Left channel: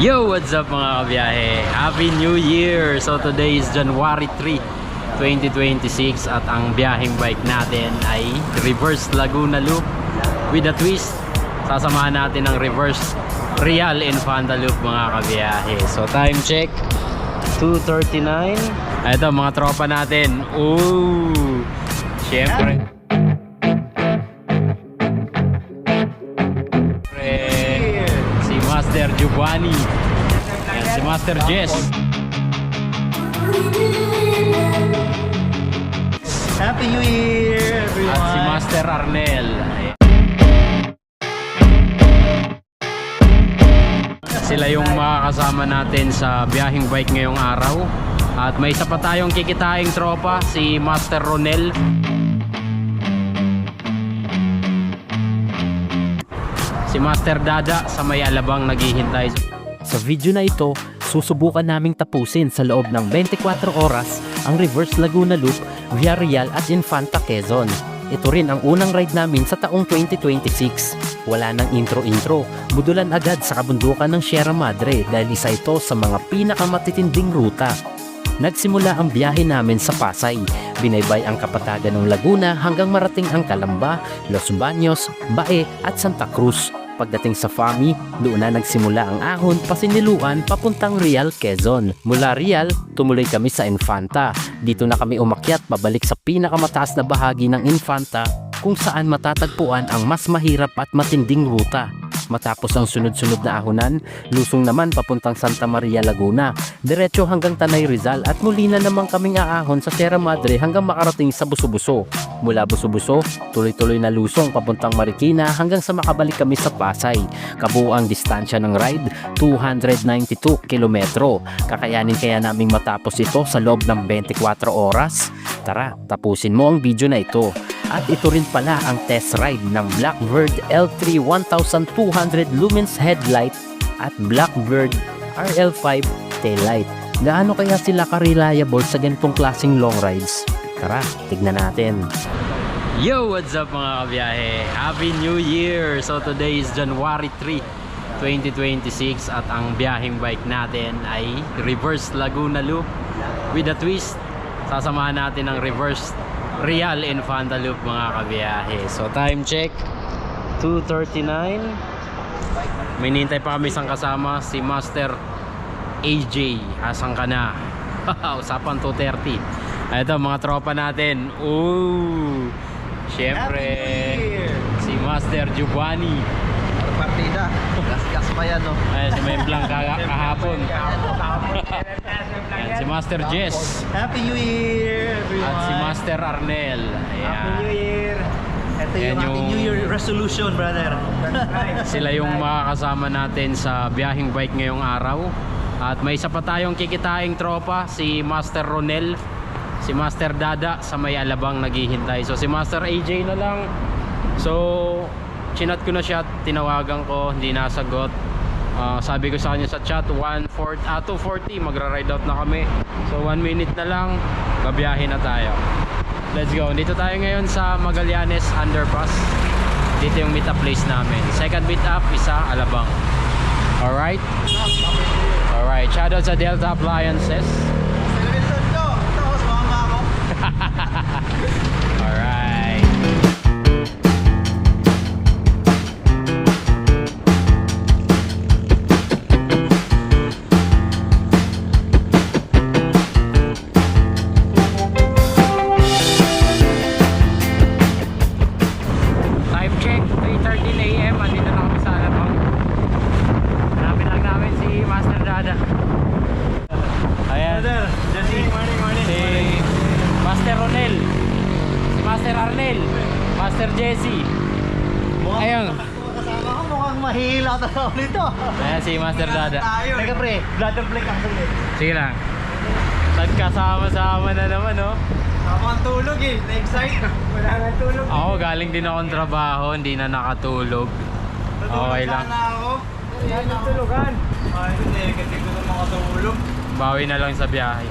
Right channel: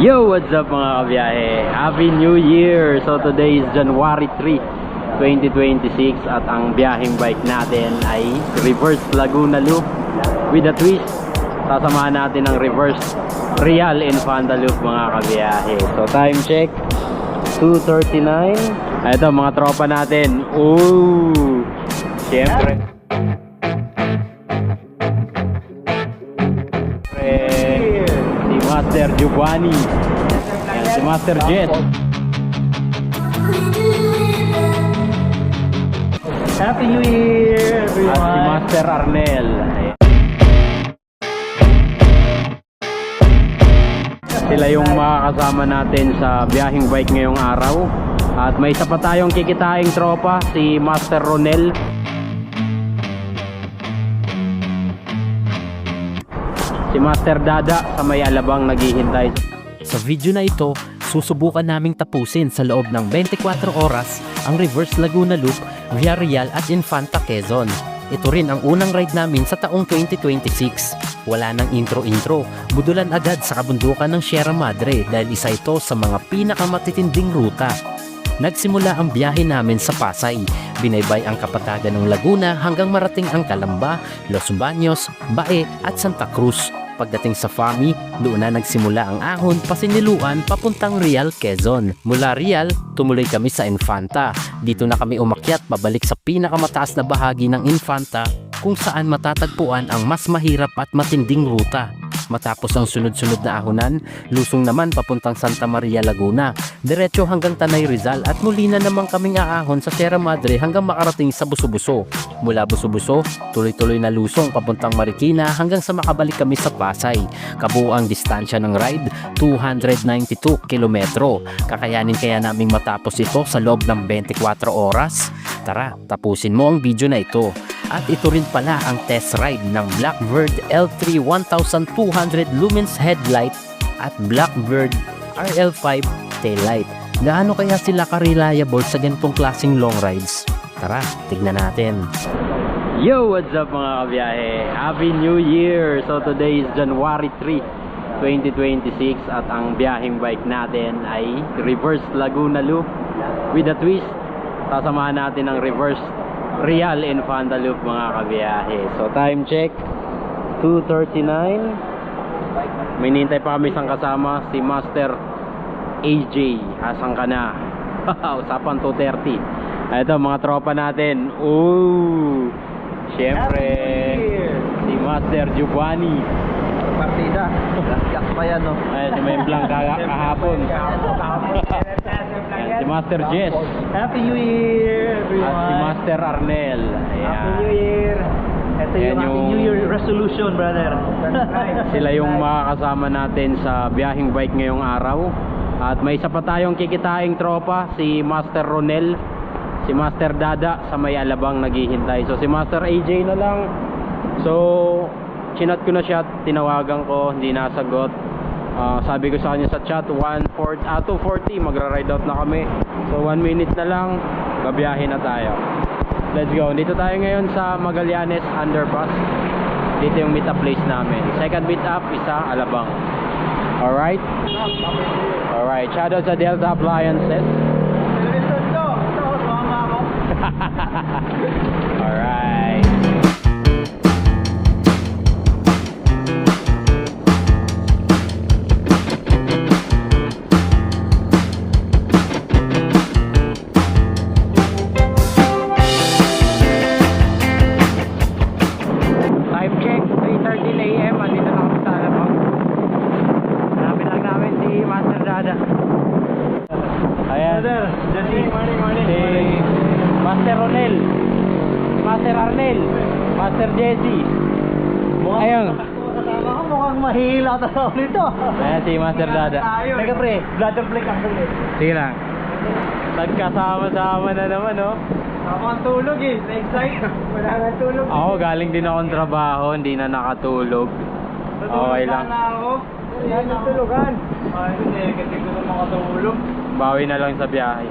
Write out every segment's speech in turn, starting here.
Yo, what's up mga kabiyahe? Happy New Year! So today is January 3, 2026 at ang biyaheng bike natin ay reverse Laguna Loop with a twist. Sasamahan natin ng reverse Real Infanta Loop mga kabiyahe. So time check 2:39. Ito mga tropa natin. Ooh! Syempre Master Giovanni, and si Master Jess. Happy New Year, everyone! At si Master Arnel. Sila yung makakasama natin sa biyaheng bike ngayong araw. At may isa pa tayong kikitaing tropa, si Master Ronel. Si Master Dada sa may alabang naghihintay. Sa video na ito, susubukan naming tapusin sa loob ng 24 oras ang reverse Laguna Loop via Real at Infanta, Quezon. Ito rin ang unang ride namin sa taong 2026. Wala nang intro-intro, budulan agad sa kabundukan ng Sierra Madre dahil isa ito sa mga pinakamatitinding ruta. Nagsimula ang biyahe namin sa Pasay, binaybay ang kapatagan ng Laguna hanggang marating ang Calamba, Los Baños, Bae at Santa Cruz. Pagdating sa Fami, doon na nagsimula ang ahon pasiniluan papuntang Real, Quezon. Mula Real, tumuloy kami sa Infanta. Dito na kami umakyat pabalik sa pinakamataas na bahagi ng Infanta kung saan matatagpuan ang mas mahirap at matinding ruta. Matapos ang sunod-sunod na ahonan, lusong naman papuntang Santa Maria, Laguna. Diretso hanggang Tanay, Rizal at muli na naman kaming aahon sa Sierra Madre hanggang makarating sa Buso-Buso. Mula Buso-Buso, tuloy-tuloy na lusong papuntang Marikina hanggang sa makabalik kami sa Pasay. Kabuuang distansya ng ride, 292 kilometro. Kakayanin kaya naming matapos ito sa loob ng 24 oras? Tara, tapusin mo ang video na ito. At ito rin pala ang test ride ng Blackbird L3 1200 lumens headlight at Blackbird RL5 taillight. Gaano kaya sila ka-reliable sa ganitong klaseng long rides? Tara, tignan natin. Yo, what's up mga kabiyahe? Happy New Year! So today is January 3, 2026 at ang biyaheng bike natin ay reverse Laguna Loop with a twist. Sasamahan natin ng reverse Real Infanta Loop mga kabiyahe. So time check 2:39. May nintay pa kami isang kasama, si Master AJ. Asan ka na? Usapan 2:30. Ito mga tropa natin. Ooh! Syempre si Master Giovanni. Partida, gas-gas pa yan, no? Ay, si Memblang kahapon. Ayan, si Master Jess. Happy New Year, everyone! At si Master Arnel. Ayan. Happy New Year! Ito Ayan yung ating New Year resolution, brother. Sila yung makakasama natin sa biyaheng bike ngayong araw. At may isa pa tayong kikitaing tropa, si Master Ronel, si Master Dada sa may alabang naghihintay. So si Master AJ na lang. So chinat ko na siya, tinawagan ko, hindi nasagot. Sabi ko sa kanya sa chat 2:40 magra-ride out na kami. So 1 minute na lang, babiyahe na tayo. Let's go. Dito tayo ngayon sa Magallanes Underpass. Dito yung meet up place namin. Second meet up, isa Alabang. Alright? Alright, shoutout sa Delta Appliances. Alright. Time check 3:13 AM. Andito na kami sa Alabang. Hanapin lang namin si Master Dada. Ayan. Morning. Si Master Ronel, si Master Arnel, Master Jesse. Ayun. Kasama ko, mukhang mahila talaga nito. Ayan si Master Dada. Teka pre, bladder plate ang sulit. Sige lang. Nagkasama-sama na naman, no? Tama ang tulog eh, na-excite. Wala na tulog. Ako galing din akong trabaho, hindi na nakatulog. Okay lang. Sana ako. Wala na tulugan. Ay, hindi. Kasi ko na makatulog. Bawi na lang sa biyahe.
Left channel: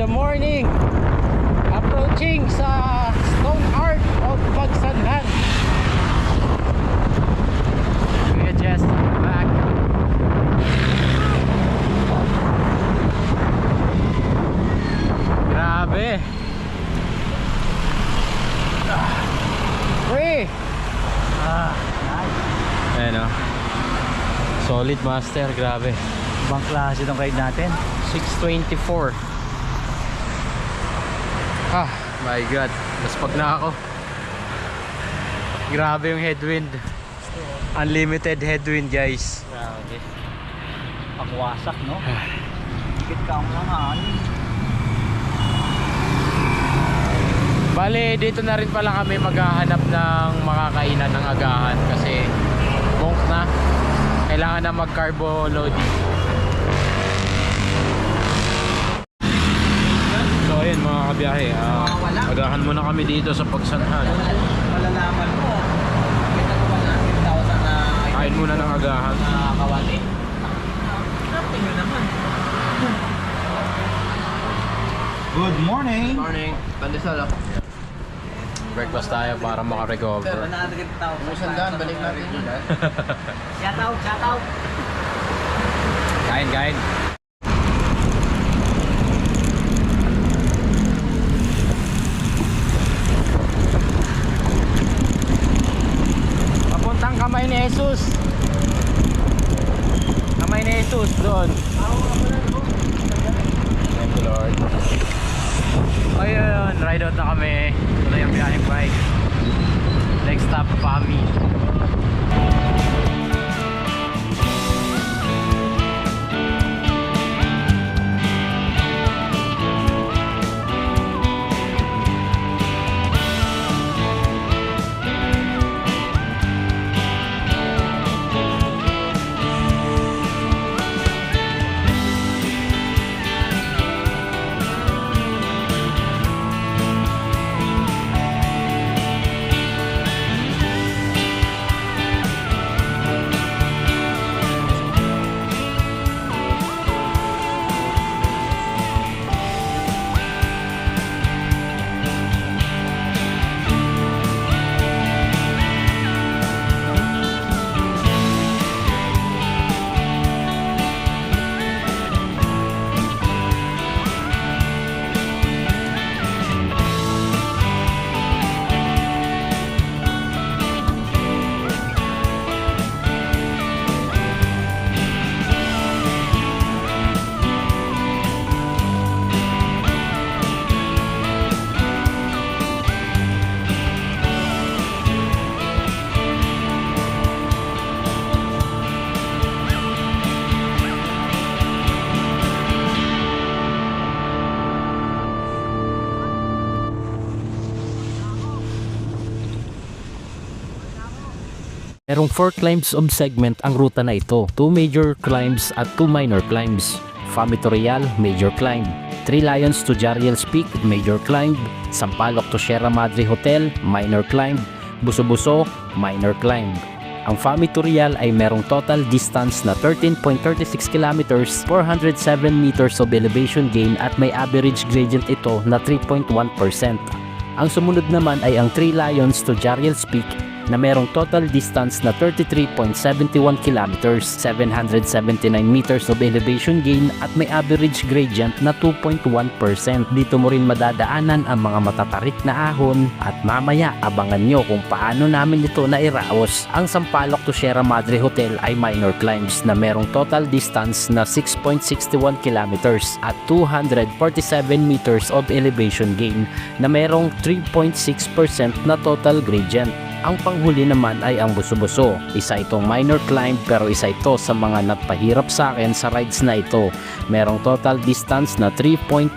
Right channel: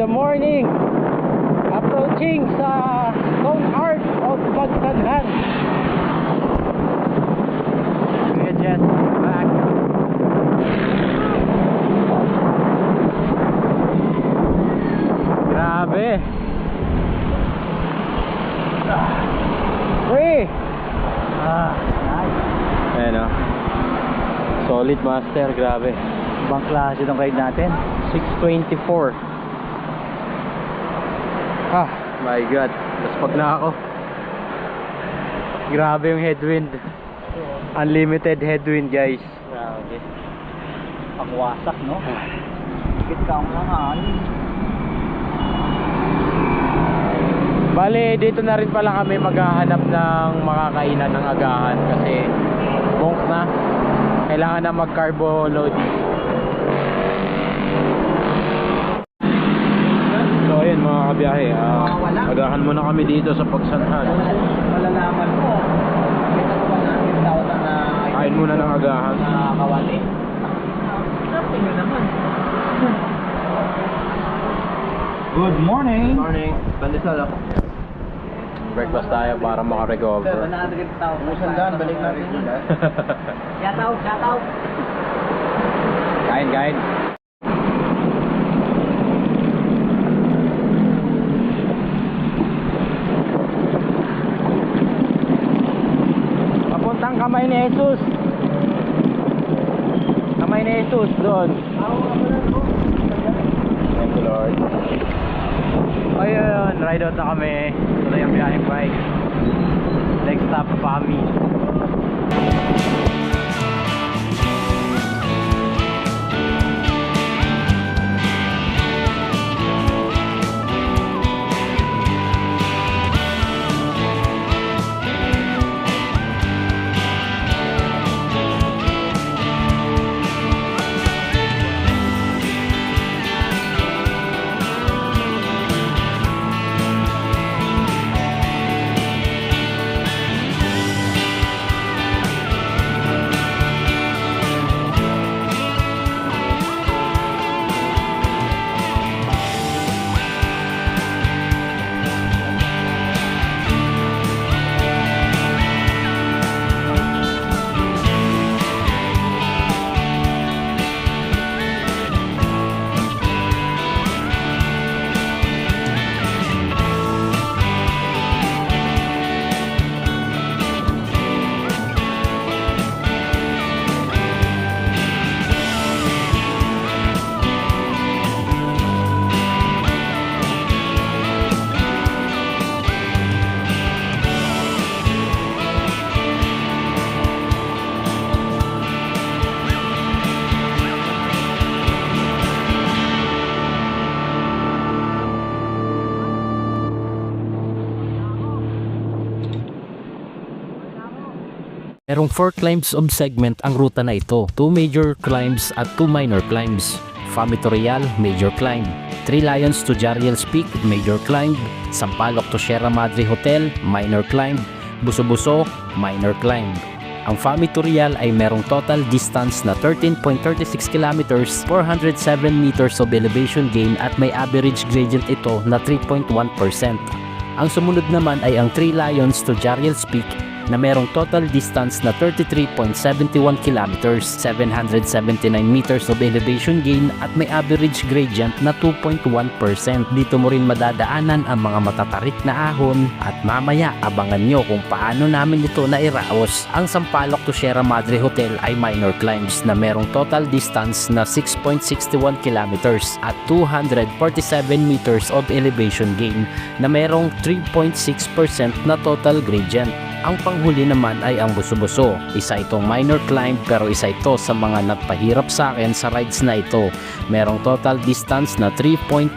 the morning. Approaching sa Stone Art of Pagsanhan. Kuya Jess, back. Grabe. Free. Ayan o. Solid master, grabe. Ibang klase itong ride natin. 624. Ah, my god. Naspag na ako. Grabe yung headwind. Unlimited headwind, guys. Grabe. Pangwasak, no? Higit ka ang langan. Bale, dito na rin pala kami maghahanap ng makakainan ng agahan kasi bongk na. Kailangan na mag-carbo loading. So ayun mga kabiyahe, agahan muna kami dito sa Pagsanhan. Malalaman mo. Kita ko 100,000 na Kain muna ng agahan. kawali. Napin nyo naman. Good morning. Morning, pandesal ako. Breakfast tayo para makarecover. 100,000. May sandaan, balik natin yun. Shout out, shout out. Kain, kain. Papuntang Kamay ni Jesus. Kamay ni Jesus doon. Thank you, Lord. Ayun, ride out na kami. Tuloy ang biyaheng bike. Next stop, Pami. Merong 4 climbs of segment ang ruta na ito. 2 major climbs at 2 minor climbs. Fami to Real, major climb. 3 Lions to Jariel's Peak, major climb. Sampaloc to Sierra Madre Hotel, minor climb. Buso-Buso, minor climb. Ang Fami to Real ay merong total distance na 13.36 kilometers, 407 meters of elevation gain at may average gradient ito na 3.1%. Ang sumunod naman ay ang 3 Lions to Jariel's Peak na merong total distance na 33.71 kilometers, 779 meters of elevation gain at may average gradient na 2.1%. Dito mo rin madadaanan ang mga matatarik na ahon at mamaya abangan nyo kung paano namin ito nairaos. Ang Sampaloc to Sierra Madre Hotel ay minor climbs na merong total distance na 6.61 kilometers at 247 meters of elevation gain na merong 3.6% na total gradient. Ang panghuli naman ay ang Buso-Buso. Isa itong minor climb pero isa ito sa mga nagpahirap sa akin sa rides na ito. Merong total distance na 3.59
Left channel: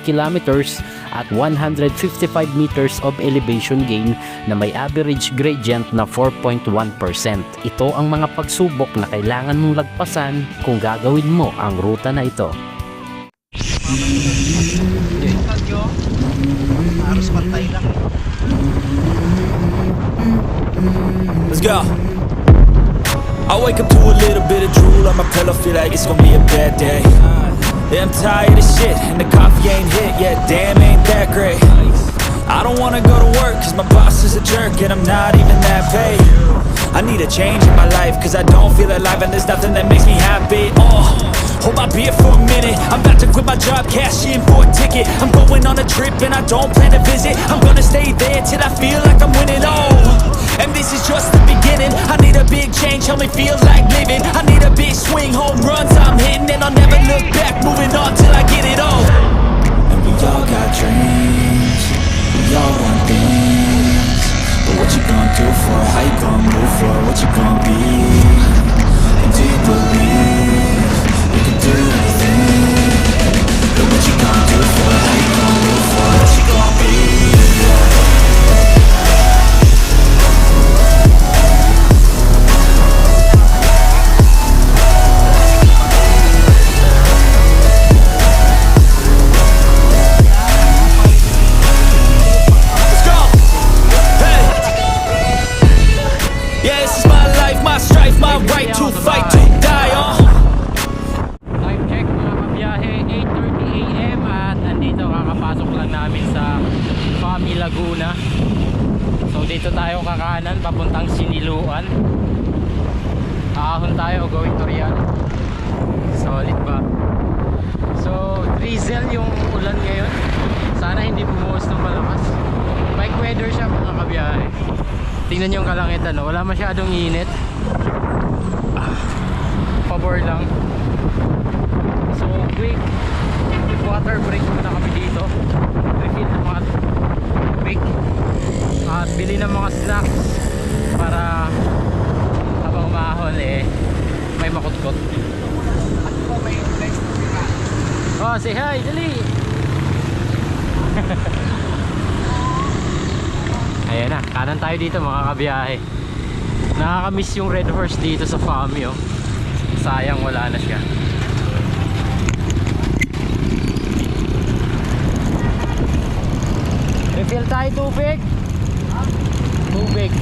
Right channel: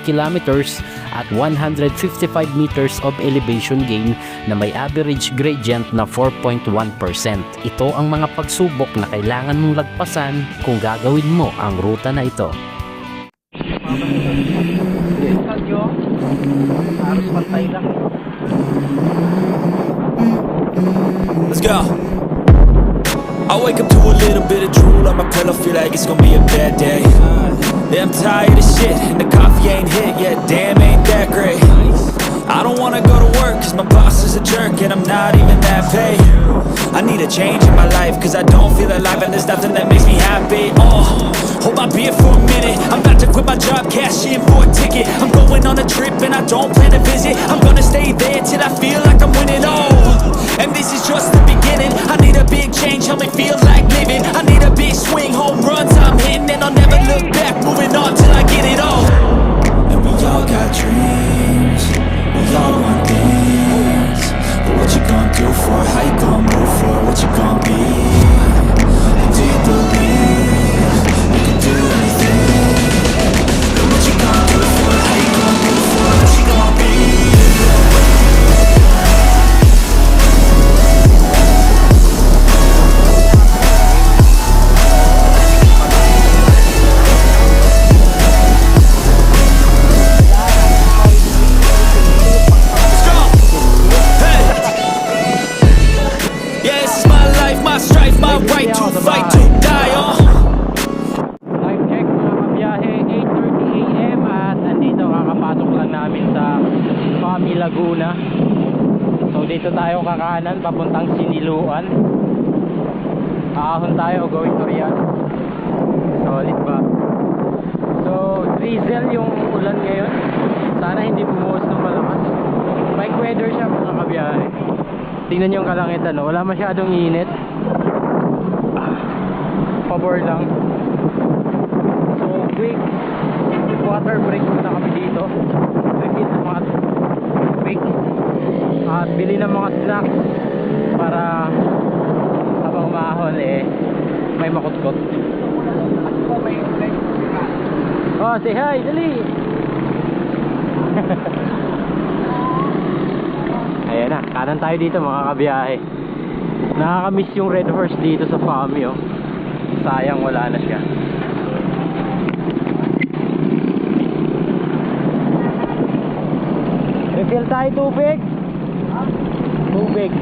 kilometers at 155 meters of elevation gain na may average gradient na 4.1%. Ito ang mga pagsubok na kailangan mong lagpasan kung gagawin mo ang ruta na ito. Harus pantay lang. Let's go. I wake up to a little bit of drool on my pillow, feel like it's gonna be a bad day. Yeah, I'm tired of shit, and the coffee ain't hit yet. Damn, ain't that great. I don't wanna go to work, cause my boss is a jerk, and I'm not even that paid. I need a change in my life, cause I don't feel alive, and there's nothing that makes me happy. Hold my beer for a minute. I'm about to quit my job, cash in for a ticket. I'm going on a trip and I don't plan to visit. I'm gonna stay there till I feel like I'm winning. And this is just the beginning. I need a big change, help me feel like living. I need a big swing, home runs I'm hitting, and I'll never look back, moving on till I get it all. And we all got dreams, we all want things, but what you gonna do for it? How you gonna move for it? What you gonna be? And do you believe you can do anything? But what you gonna do for it? How you gonna move for it? What you gonna be? Let's go! Hey! Yeah, this is my life, my strife, my right to fight, to die, Time check mga kabiyahe, 8:30 AM at nandito kakapasok lang namin sa Fami Laguna. So dito tayo kakanan papuntang Siniluan. Ahon tayo going to Real. Solid ba? So drizzle yung ulan ngayon. Sana hindi bumuhos ng malakas. Bike weather siya mga kabiyahe. Tingnan yung kalangitan, no? Wala masyadong init. Pabor lang. So quick water break muna kami dito, refill ng mga quick at bili ng mga snacks para habang umahon may makutkot. Oh, say hi, dali. Ayan na, kanan tayo dito mga kabiyahe. Nakakamiss yung Red Horse dito sa Fami, oh. Sayang wala na siya. Refill tayo tubig. Tubig.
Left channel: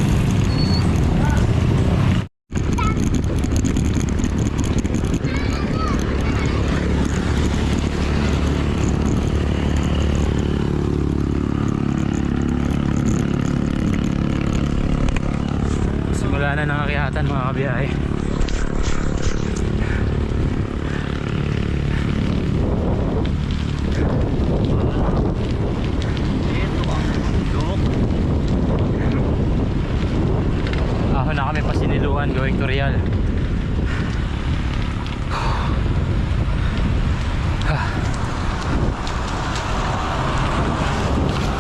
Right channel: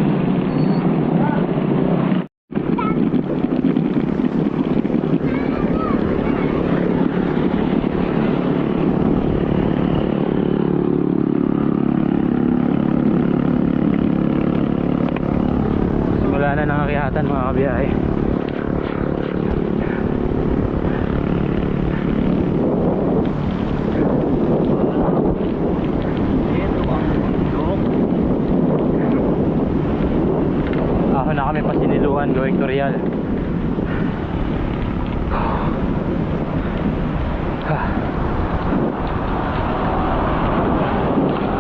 Simula na ng akyatan mga kabiyahe. Ahon na kami pa Siniluan going to Real.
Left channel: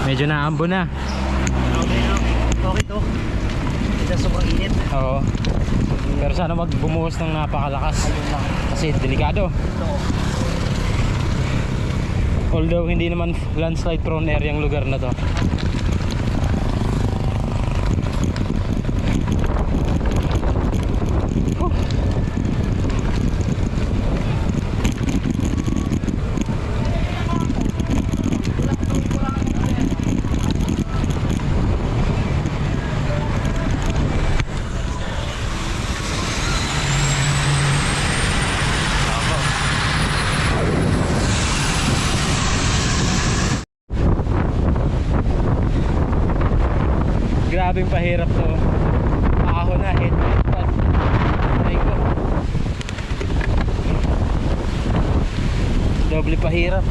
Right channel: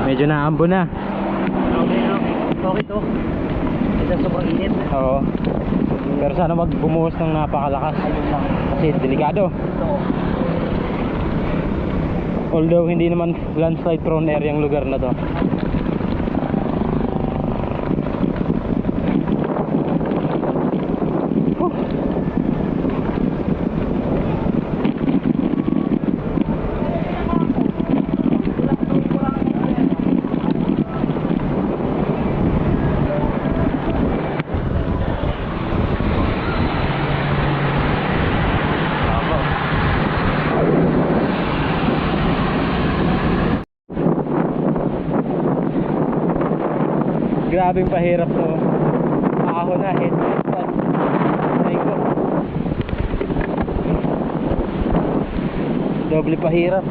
Medyo naambo na. Okay to. Ito sobrang init. Oo. Pero sana wag bumuhos ng napakalakas. Kasi delikado. Although hindi naman landslide prone area yung lugar na to. Grabing pahirap to. Ahon na, headlight pad. Ay ko. Doble pahirap.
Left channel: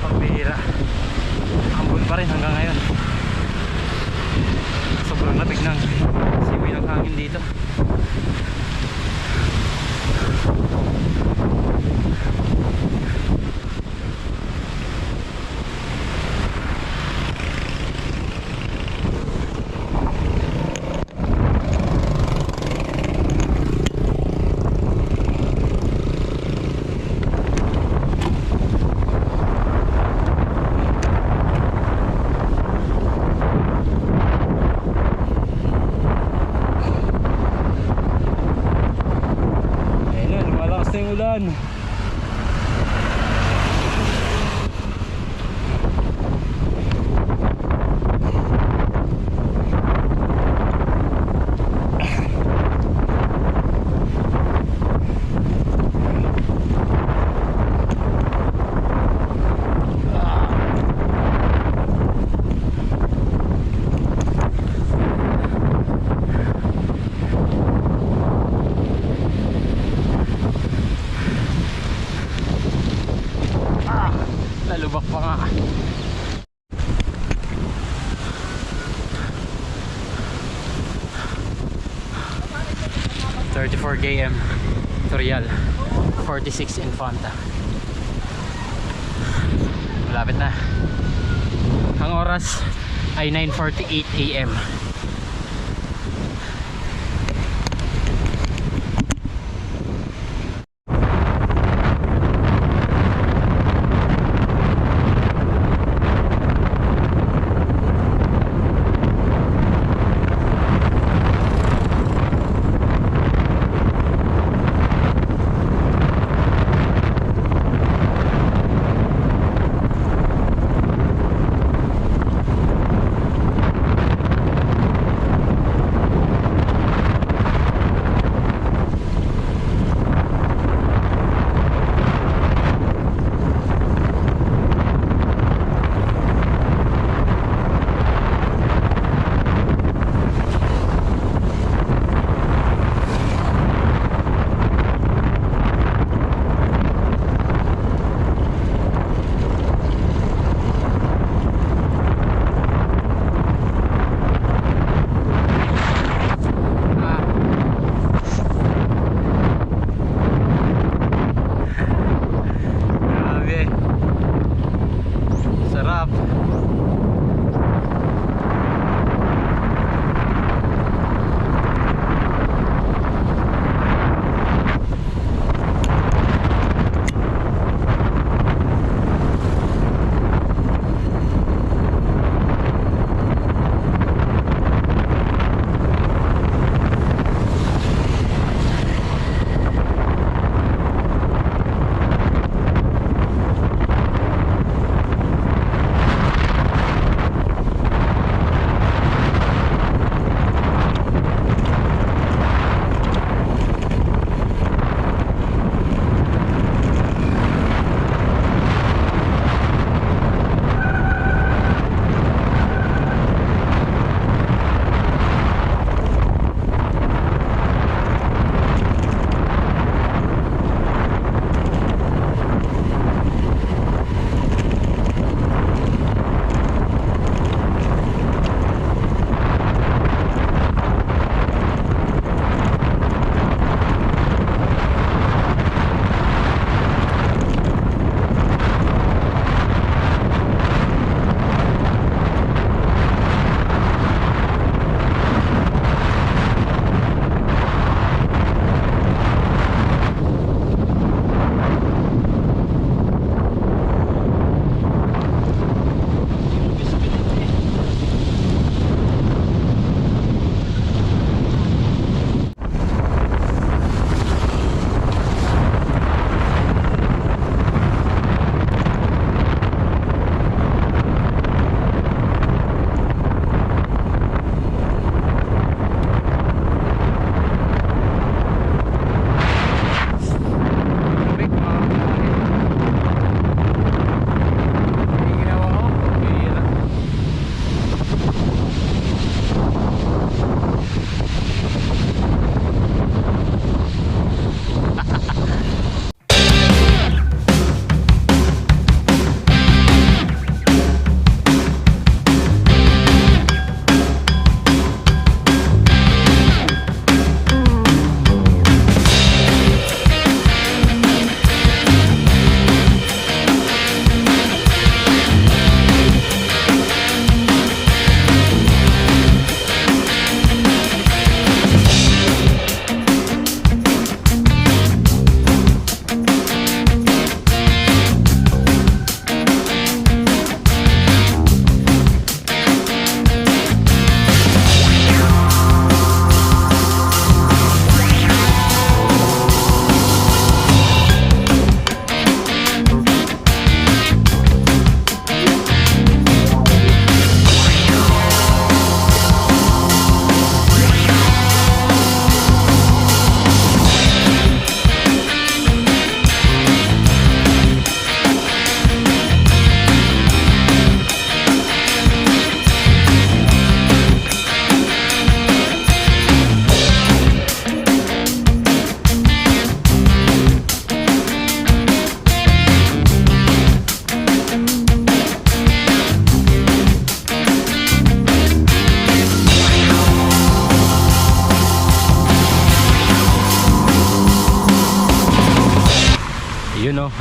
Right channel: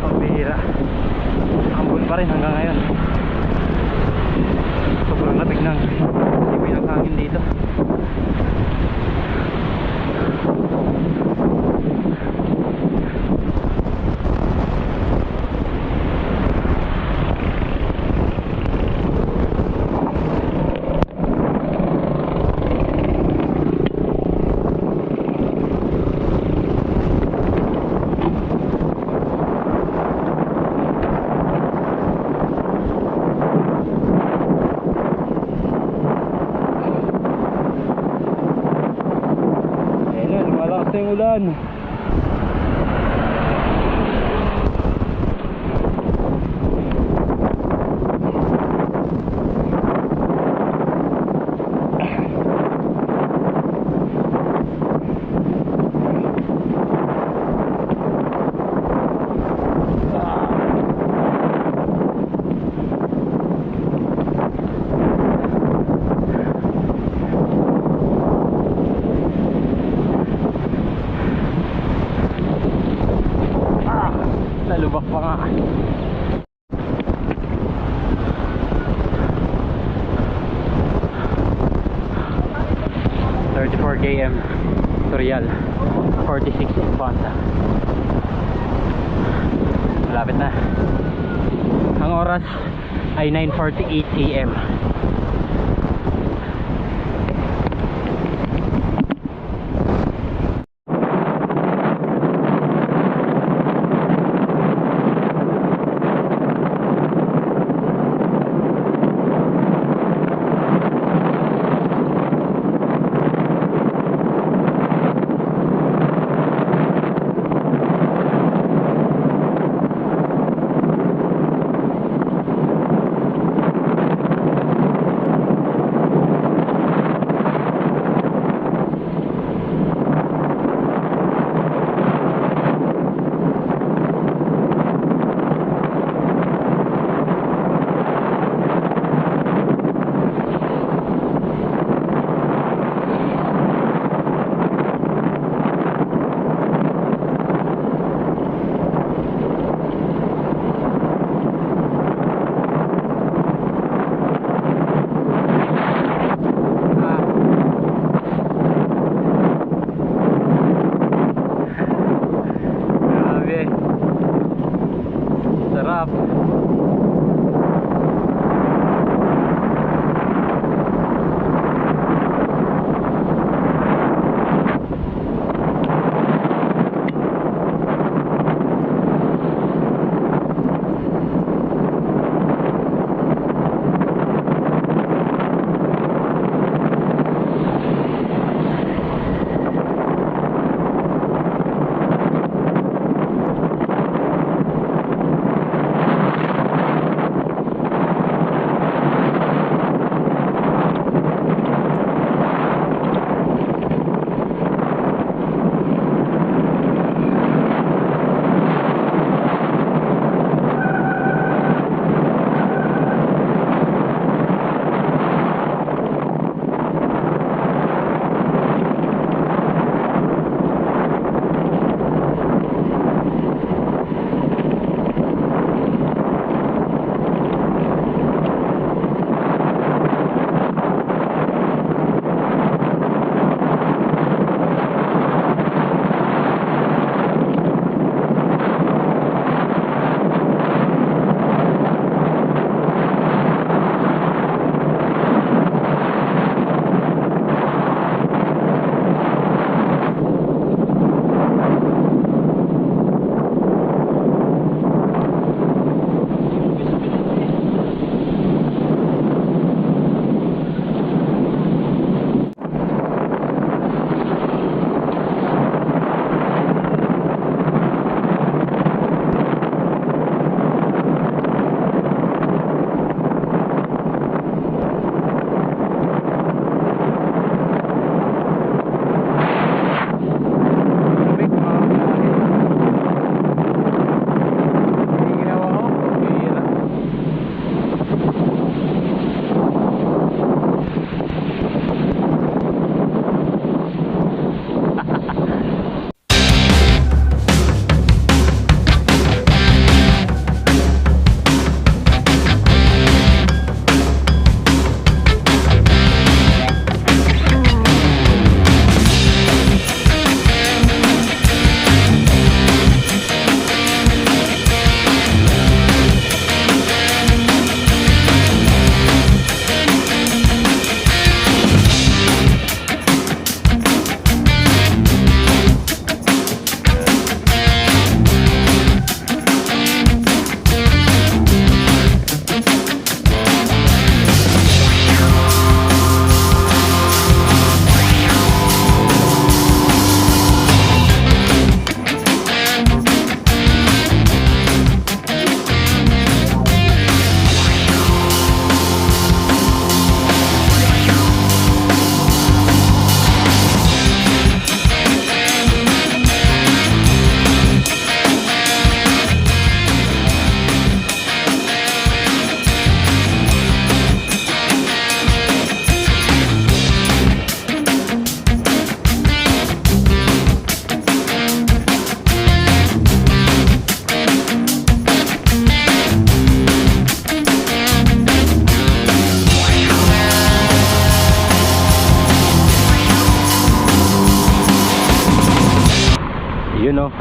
Pambihira. Ambon pa rin hanggang ngayon. Sobrang lamig ng siwi ng hangin dito. Yung ulan. tulugan. Lalubak pa nga. ...34 km Torial, 46 Infanta. Malapit na. Ang oras ay 9:48 AM. Grabe. Sarap.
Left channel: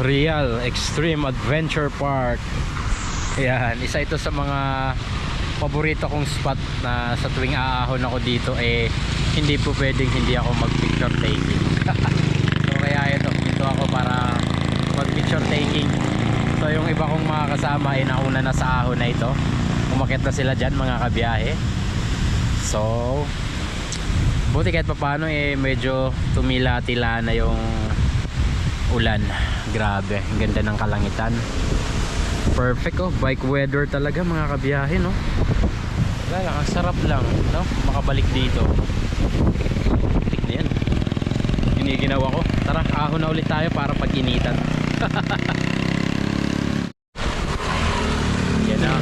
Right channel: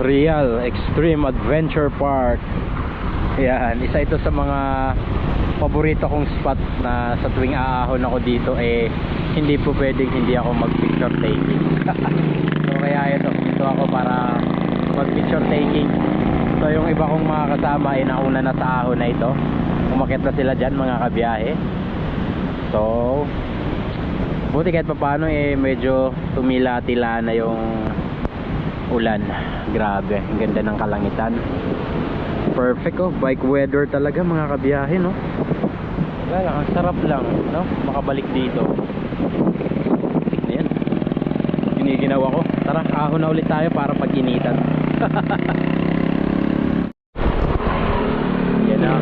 Real Extreme Adventure Park. Yan, isa ito sa mga paborito kong spot na sa tuwing aahon ako dito hindi po pwedeng hindi ako mag picture taking. So kaya dito ako para mag picture taking. So yung iba kong mga kasama nauna na sa ahon na ito, umakyat na sila dyan mga kabiyahe. So buti kahit paano medyo tumila-tila na yung ulan. Grabe, ang ganda ng kalangitan. Perfect bike weather talaga mga kabiyahe, no? Wala, ang sarap lang, no? Makabalik dito. Tik na yan. Giniginawa ko. Tara, ahon na ulit tayo para pag-initan. Yan na.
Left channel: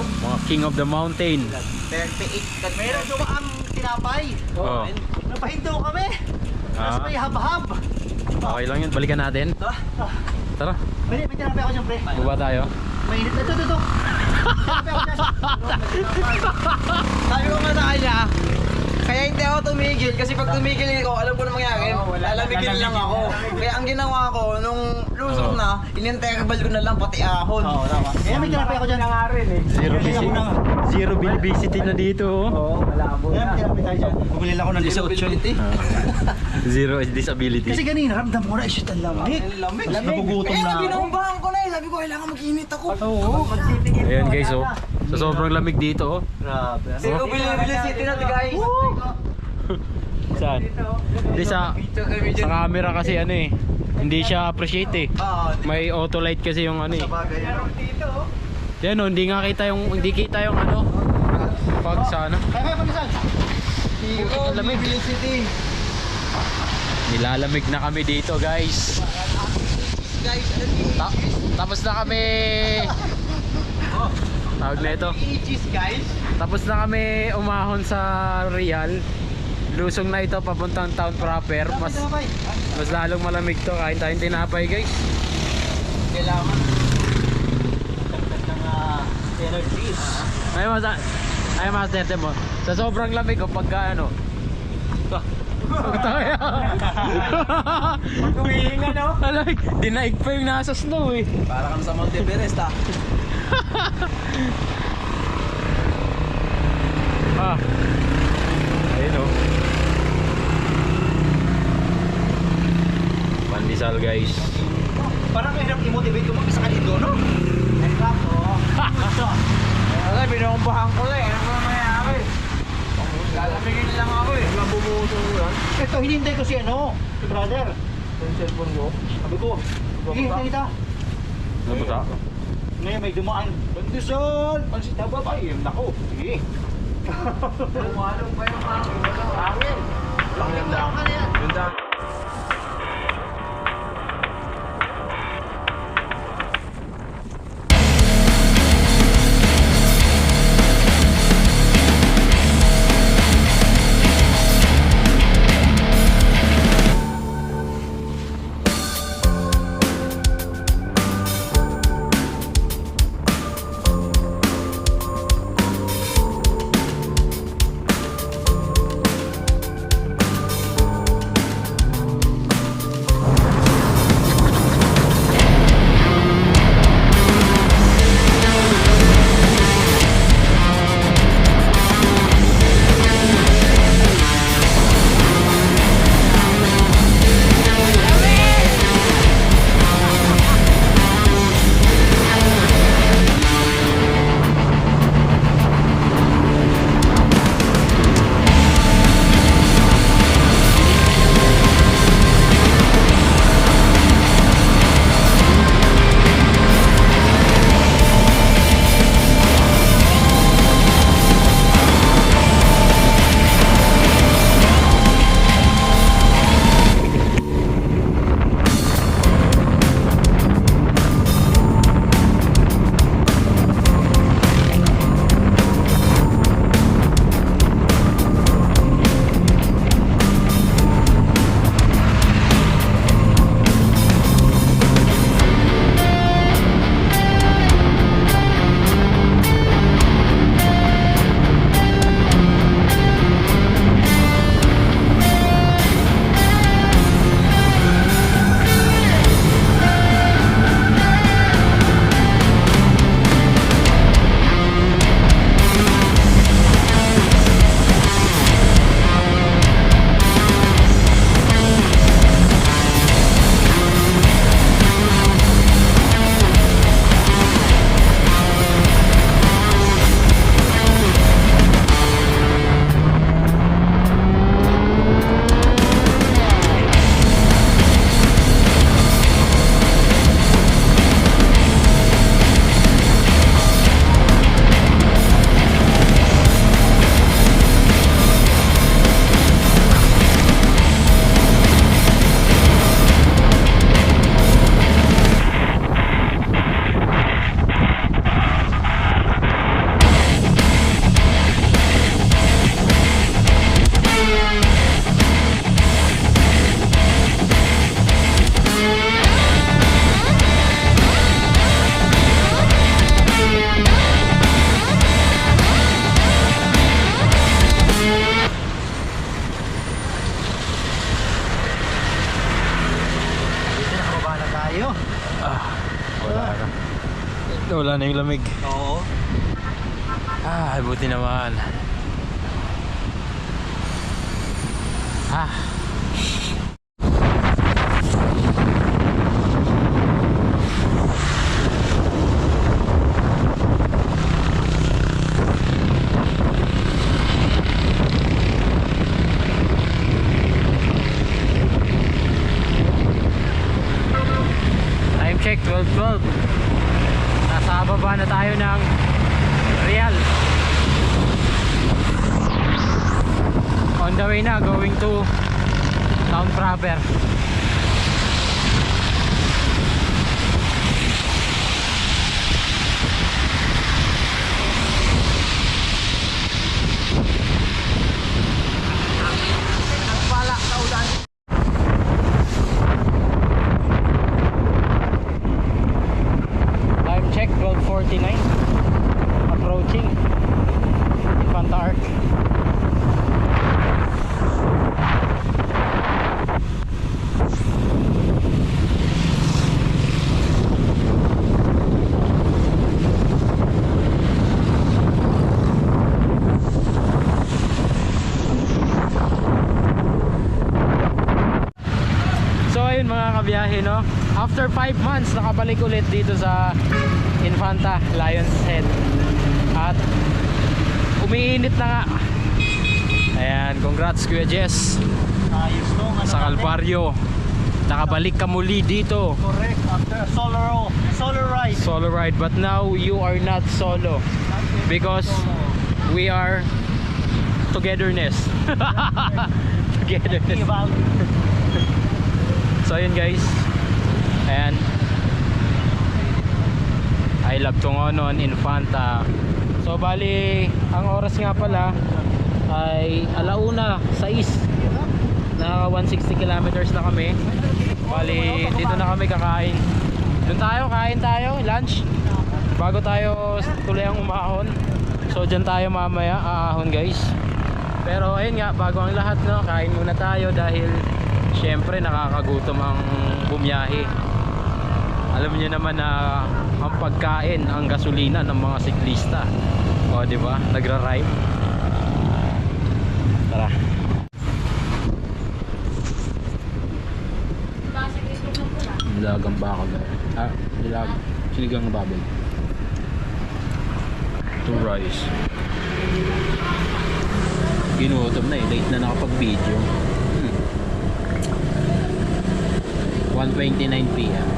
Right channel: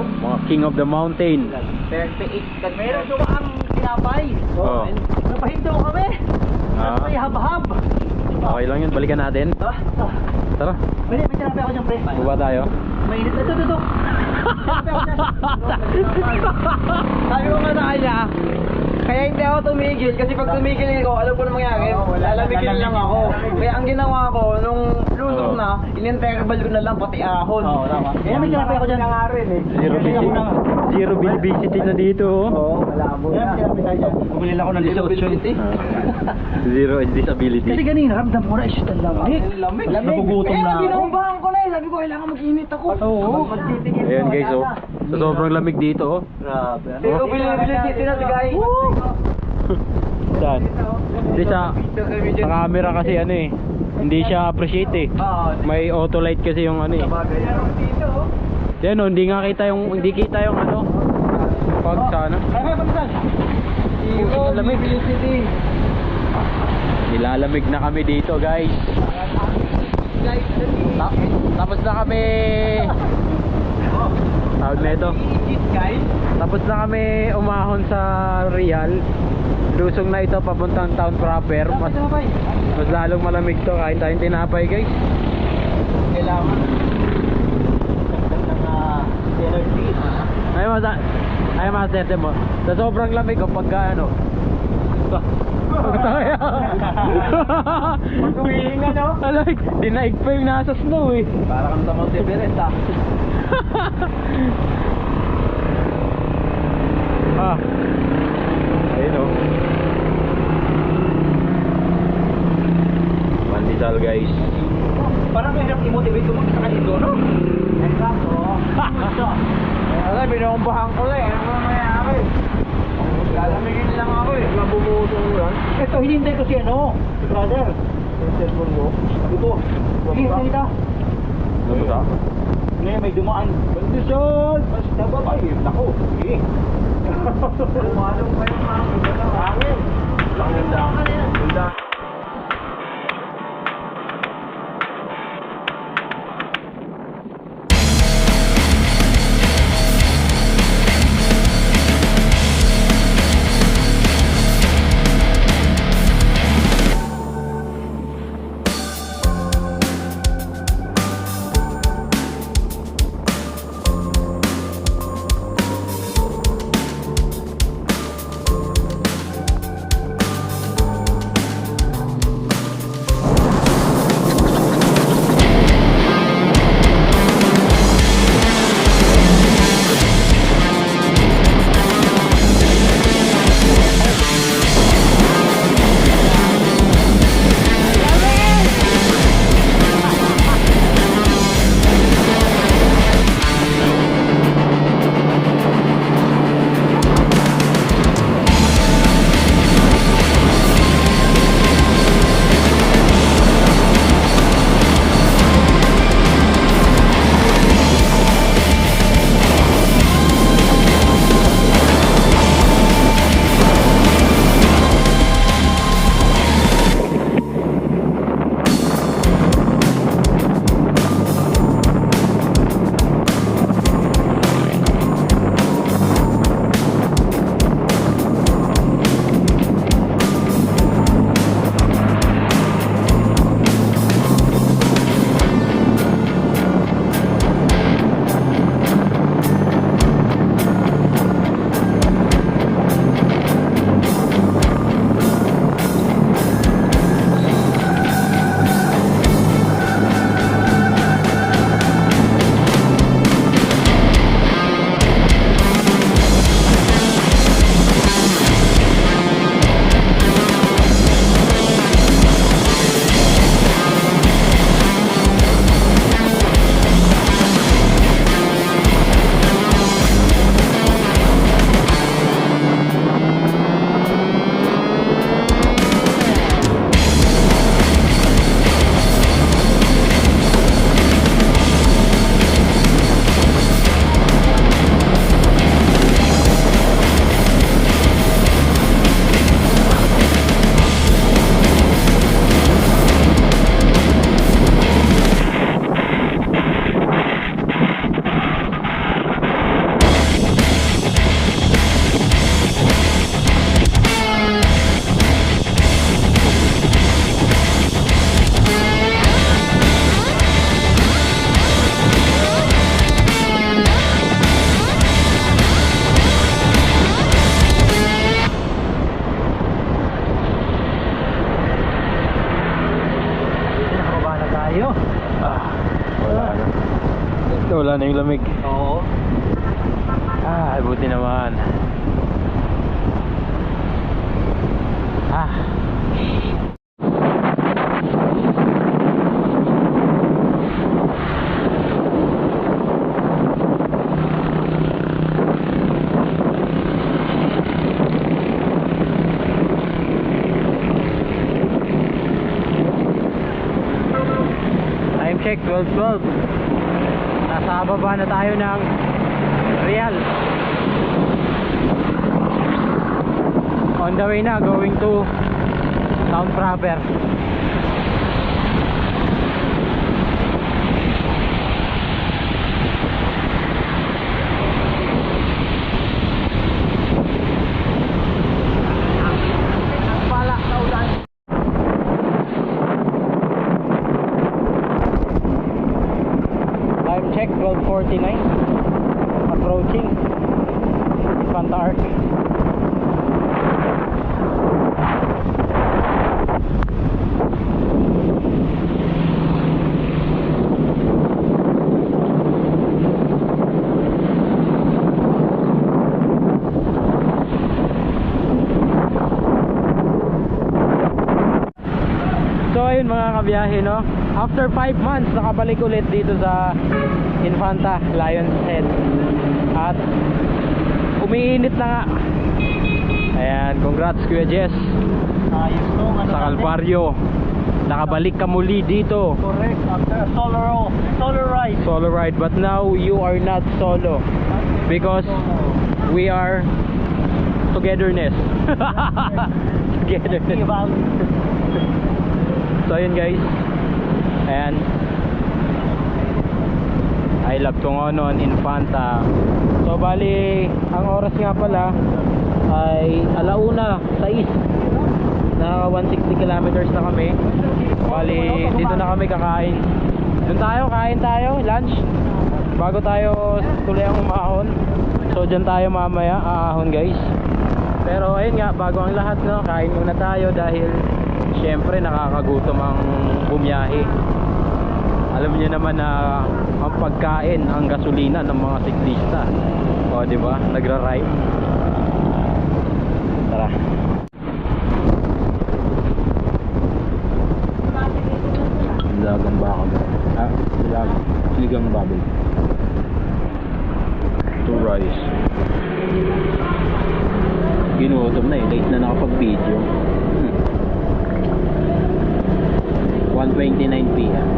Mga king of the mountain. 38. Meron dumaang tinapay. Oh. Napahinto kami. Tapos may hab-hab. Okay lang yun, balikan natin. Tara, May tinapay ako dyan, pre. baba tayo. Mainit. Ito. Tinapay ako dyan. Sabi ko nga sa kanya, kaya hindi ako tumigil kasi pag tumigil ako, alam ko na mangyari, lalamigin lang ako. Kaya ang ginawa ko, nung lusok na, ininterbal ko na lang pati ahon. Oo, tama. Kaya may tinapay ako dyan. Zero visibility na dito. Oo, malabo na. Kaya may tinapay tayo dyan. Bumili lang ako ng 18. Zero disability. Kasi ganina, ramdam ko na, shit, ang lamig. Nagugutom na ako. Binumbahan ko na eh. Sabi ko, kailangan mag-init ako. Oo. Ayan guys, sa sobrang lamig dito, Grabe. Sino bili city na guys? Saan? Hindi sa camera kasi hindi siya appreciate May auto light kasi yung Yan hindi kita yung pag sa Kaya panisan. Ang lamig. Nilalamig na kami dito guys. Tapos na kami. Tawag na ito. Tapos na kami umahon sa Real. Lusong na ito papuntang town proper. Mas lalong malamig to. Kain tayong tinapay guys. Kailangan. Ay master mo. Sa sobrang lamig pagka Pagtaya. Pag-uwihinga, no? Alay, dinaig pa yung nasa snow Para kang sa Mount Everest Ayun Pandesal guys. Parang mahirap i-motivate ko mag-isa ka dito, no? Exacto. Wala, binombahan ko lang. Ano ba mayari? Lalamigin lang ako Nabumutong yan. Ito, hinintay ko si brother. Yung cellphone mo. Sabi ko, kita. Nabuta? May dumaan. Bandisol! Pansit na ba? Nako, sige. Malong pa yung akin. Ganda ka na yan. Ganda. Nawala na yung lamig. Oo. Ah, buti naman. Ah. Time check 12:12. Nasa baba na tayo ng Real. On the way na, going to town proper. Time check 12:49. Approaching Infanta Arc. So ayun mga kabiyahe, no, after 5 months nakabalik ulit dito sa Infanta Lion's Head at umiinit na nga. Ayan, congrats Kuya Jess Ayos to. sa Calvario. Nakabalik ka muli dito. Correct. After solar ride. Solo ride, but now you are not solo because we are togetherness. Togetherness. So ayun guys, and I love Tungonon, Infanta. So bali, ang oras nga pala ay 1:06 na 160 kilometers na kami. Bali, dito na kami kakain. Doon tayo, kain tayo, lunch bago tayo tuloy ang umahon. So dyan tayo mamaya aahon guys. Pero ayun nga, bago ang lahat, no, kain muna tayo dahil syempre nakakagutom ang bumiyahe. Alam niyo naman na ang pagkain ang gasolina ng mga siklista. O di ba? Nagra-rhyme. Tara. Lagang baka. Siligang baboy. 2 rice. Ginutom na eh. Late na nakapag-video. 1:29 PM.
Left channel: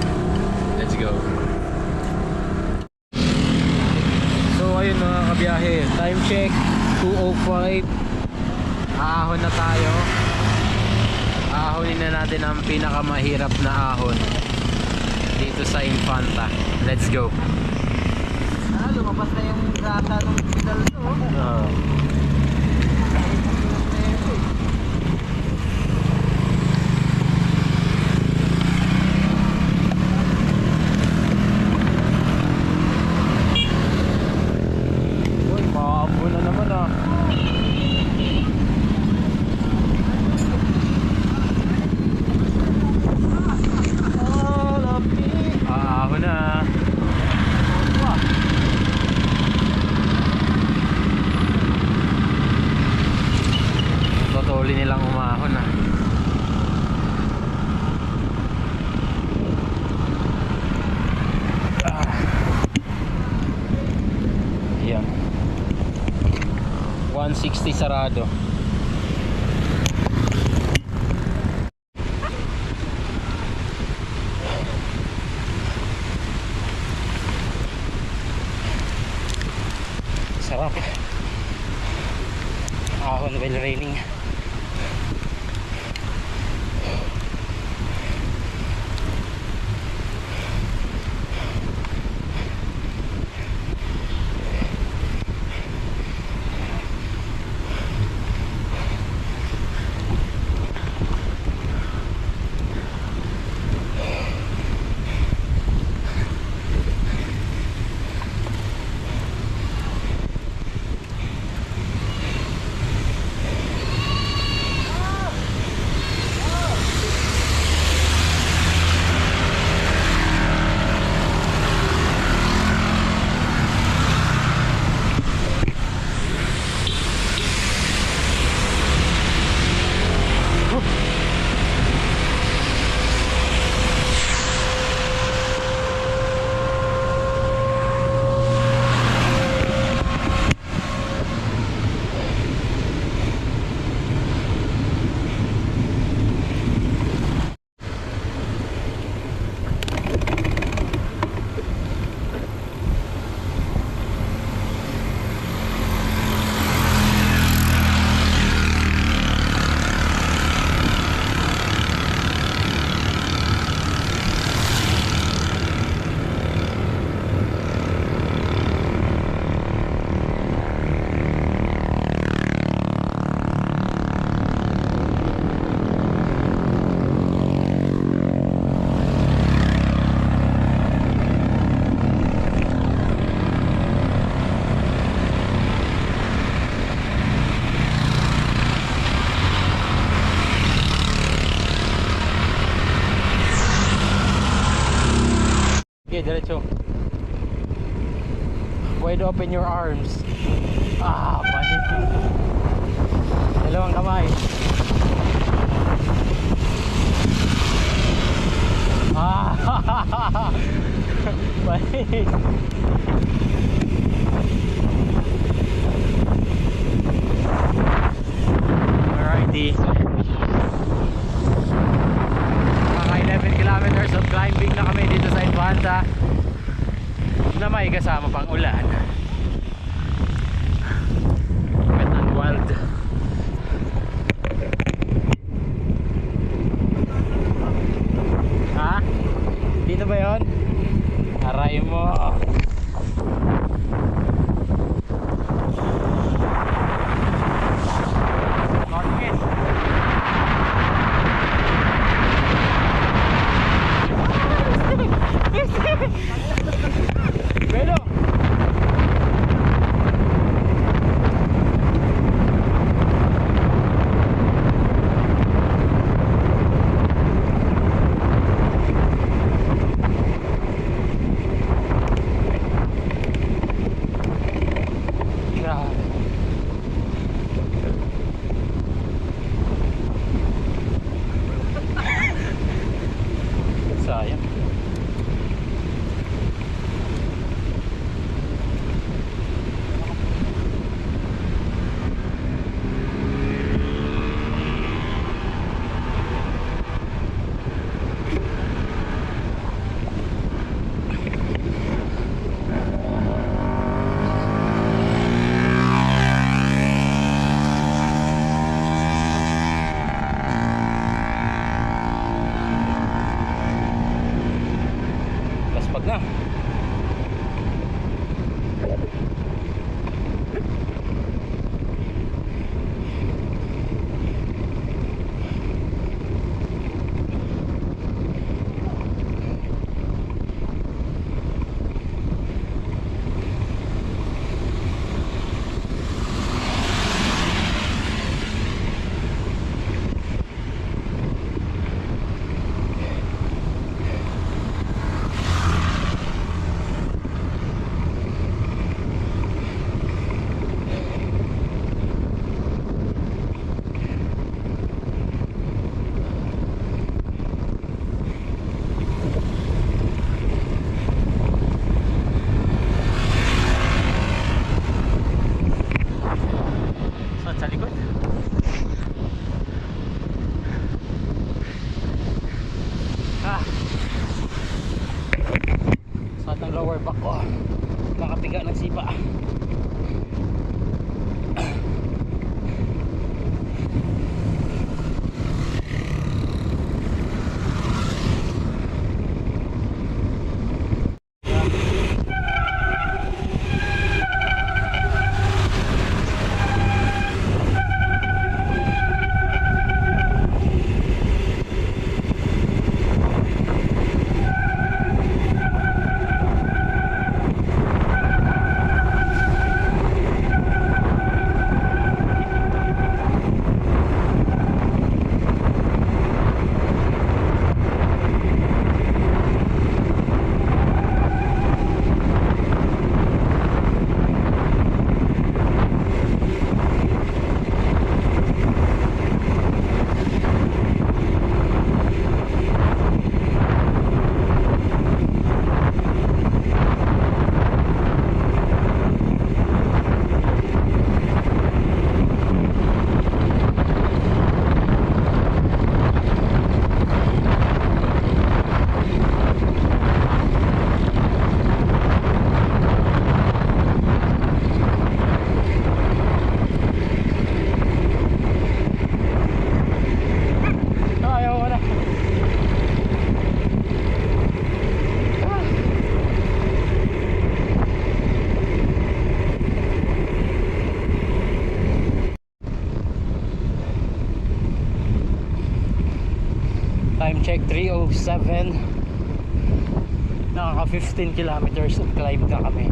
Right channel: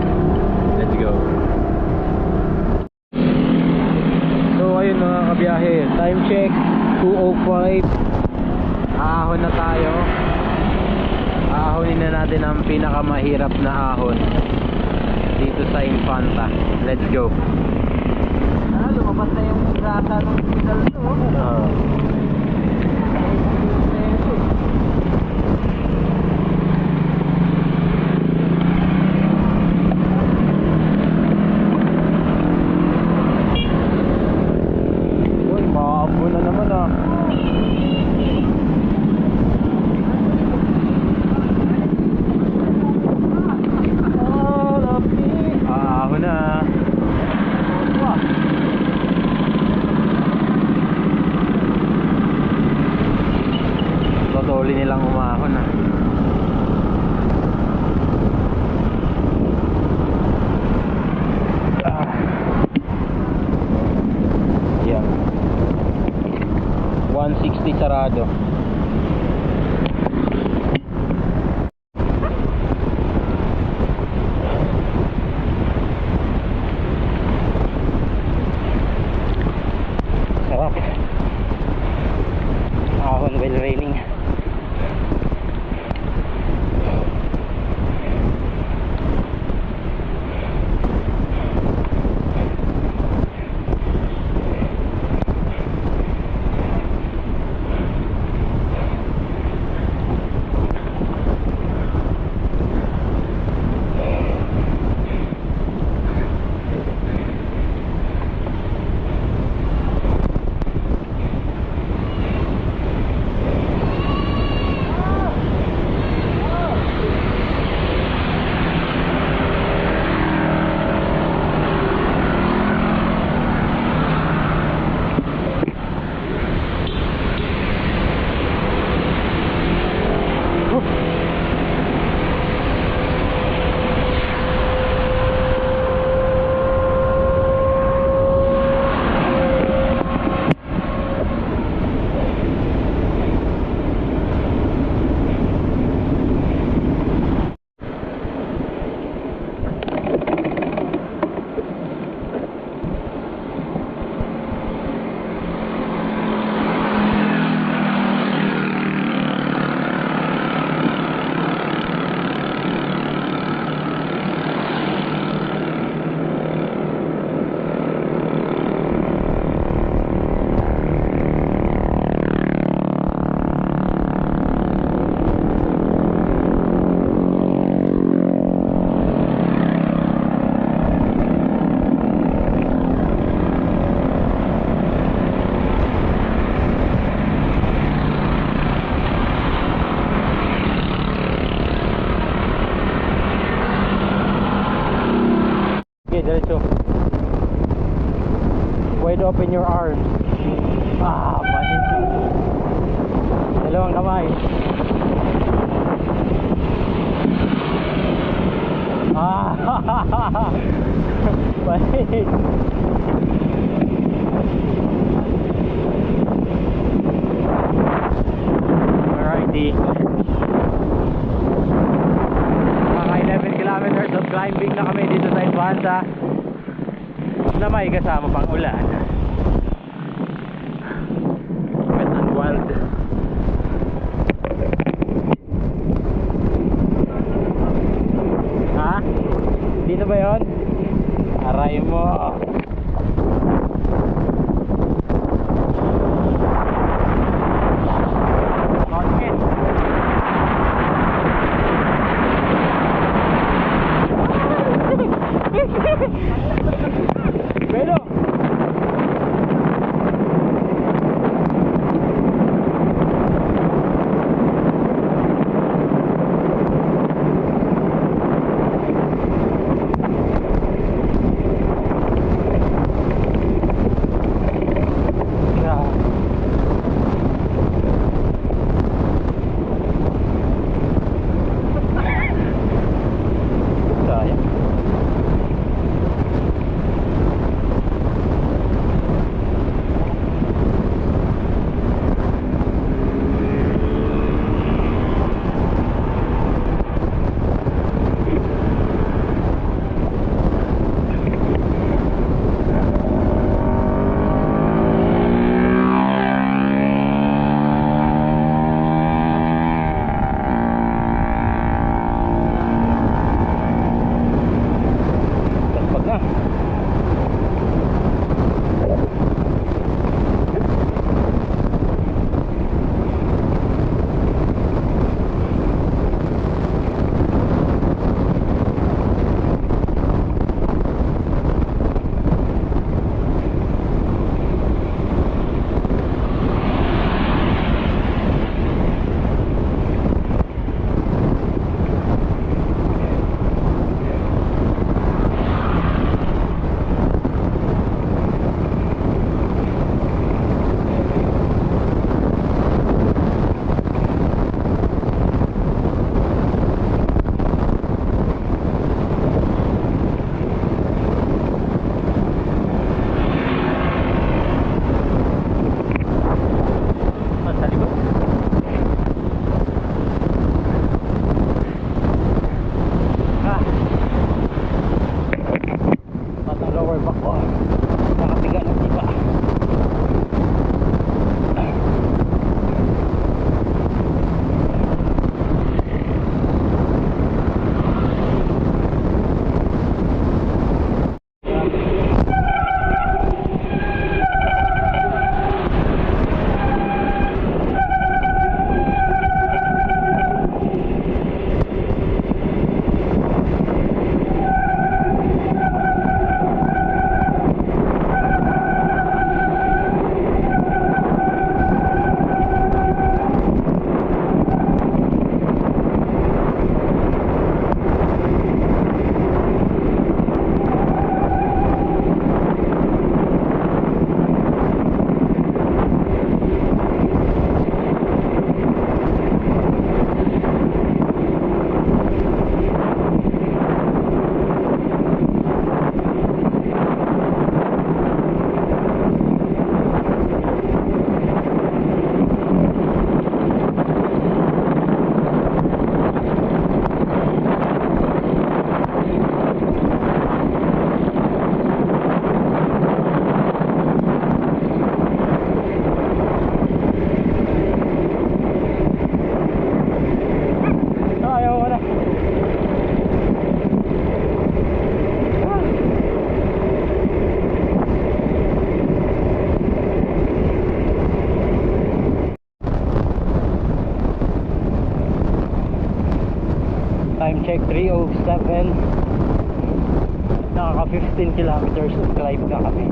Let's go. So ayun mga kabiyahe, time check 2:05. Aahon na tayo. Aahonin na natin ang pinakamahirap na ahon dito sa Infanta. Let's go. Lumabas na yung rata ng pedal to. Maabo na naman ah. Ahon na. Totally nilang umahon ah. Yeah. 160 sarado. Sarap. Ahon while raining. wide open your arms. Ah, mali. Dalawang kamay. Ah, mali. Alrighty. Mga 11 kilometers of climbing na kami dito sa Infanta na may kasama pang ulan. Wet and wild. Ha? Dito ba yun? Aray mo. Pero sayang. Gaspag na. Saan sa likod? Ah. Saan ang lower back ko? Nakapiga ng sipa. Ayaw ko na. Time check 3:07. Nakaka 15 kilometers of climb na kami.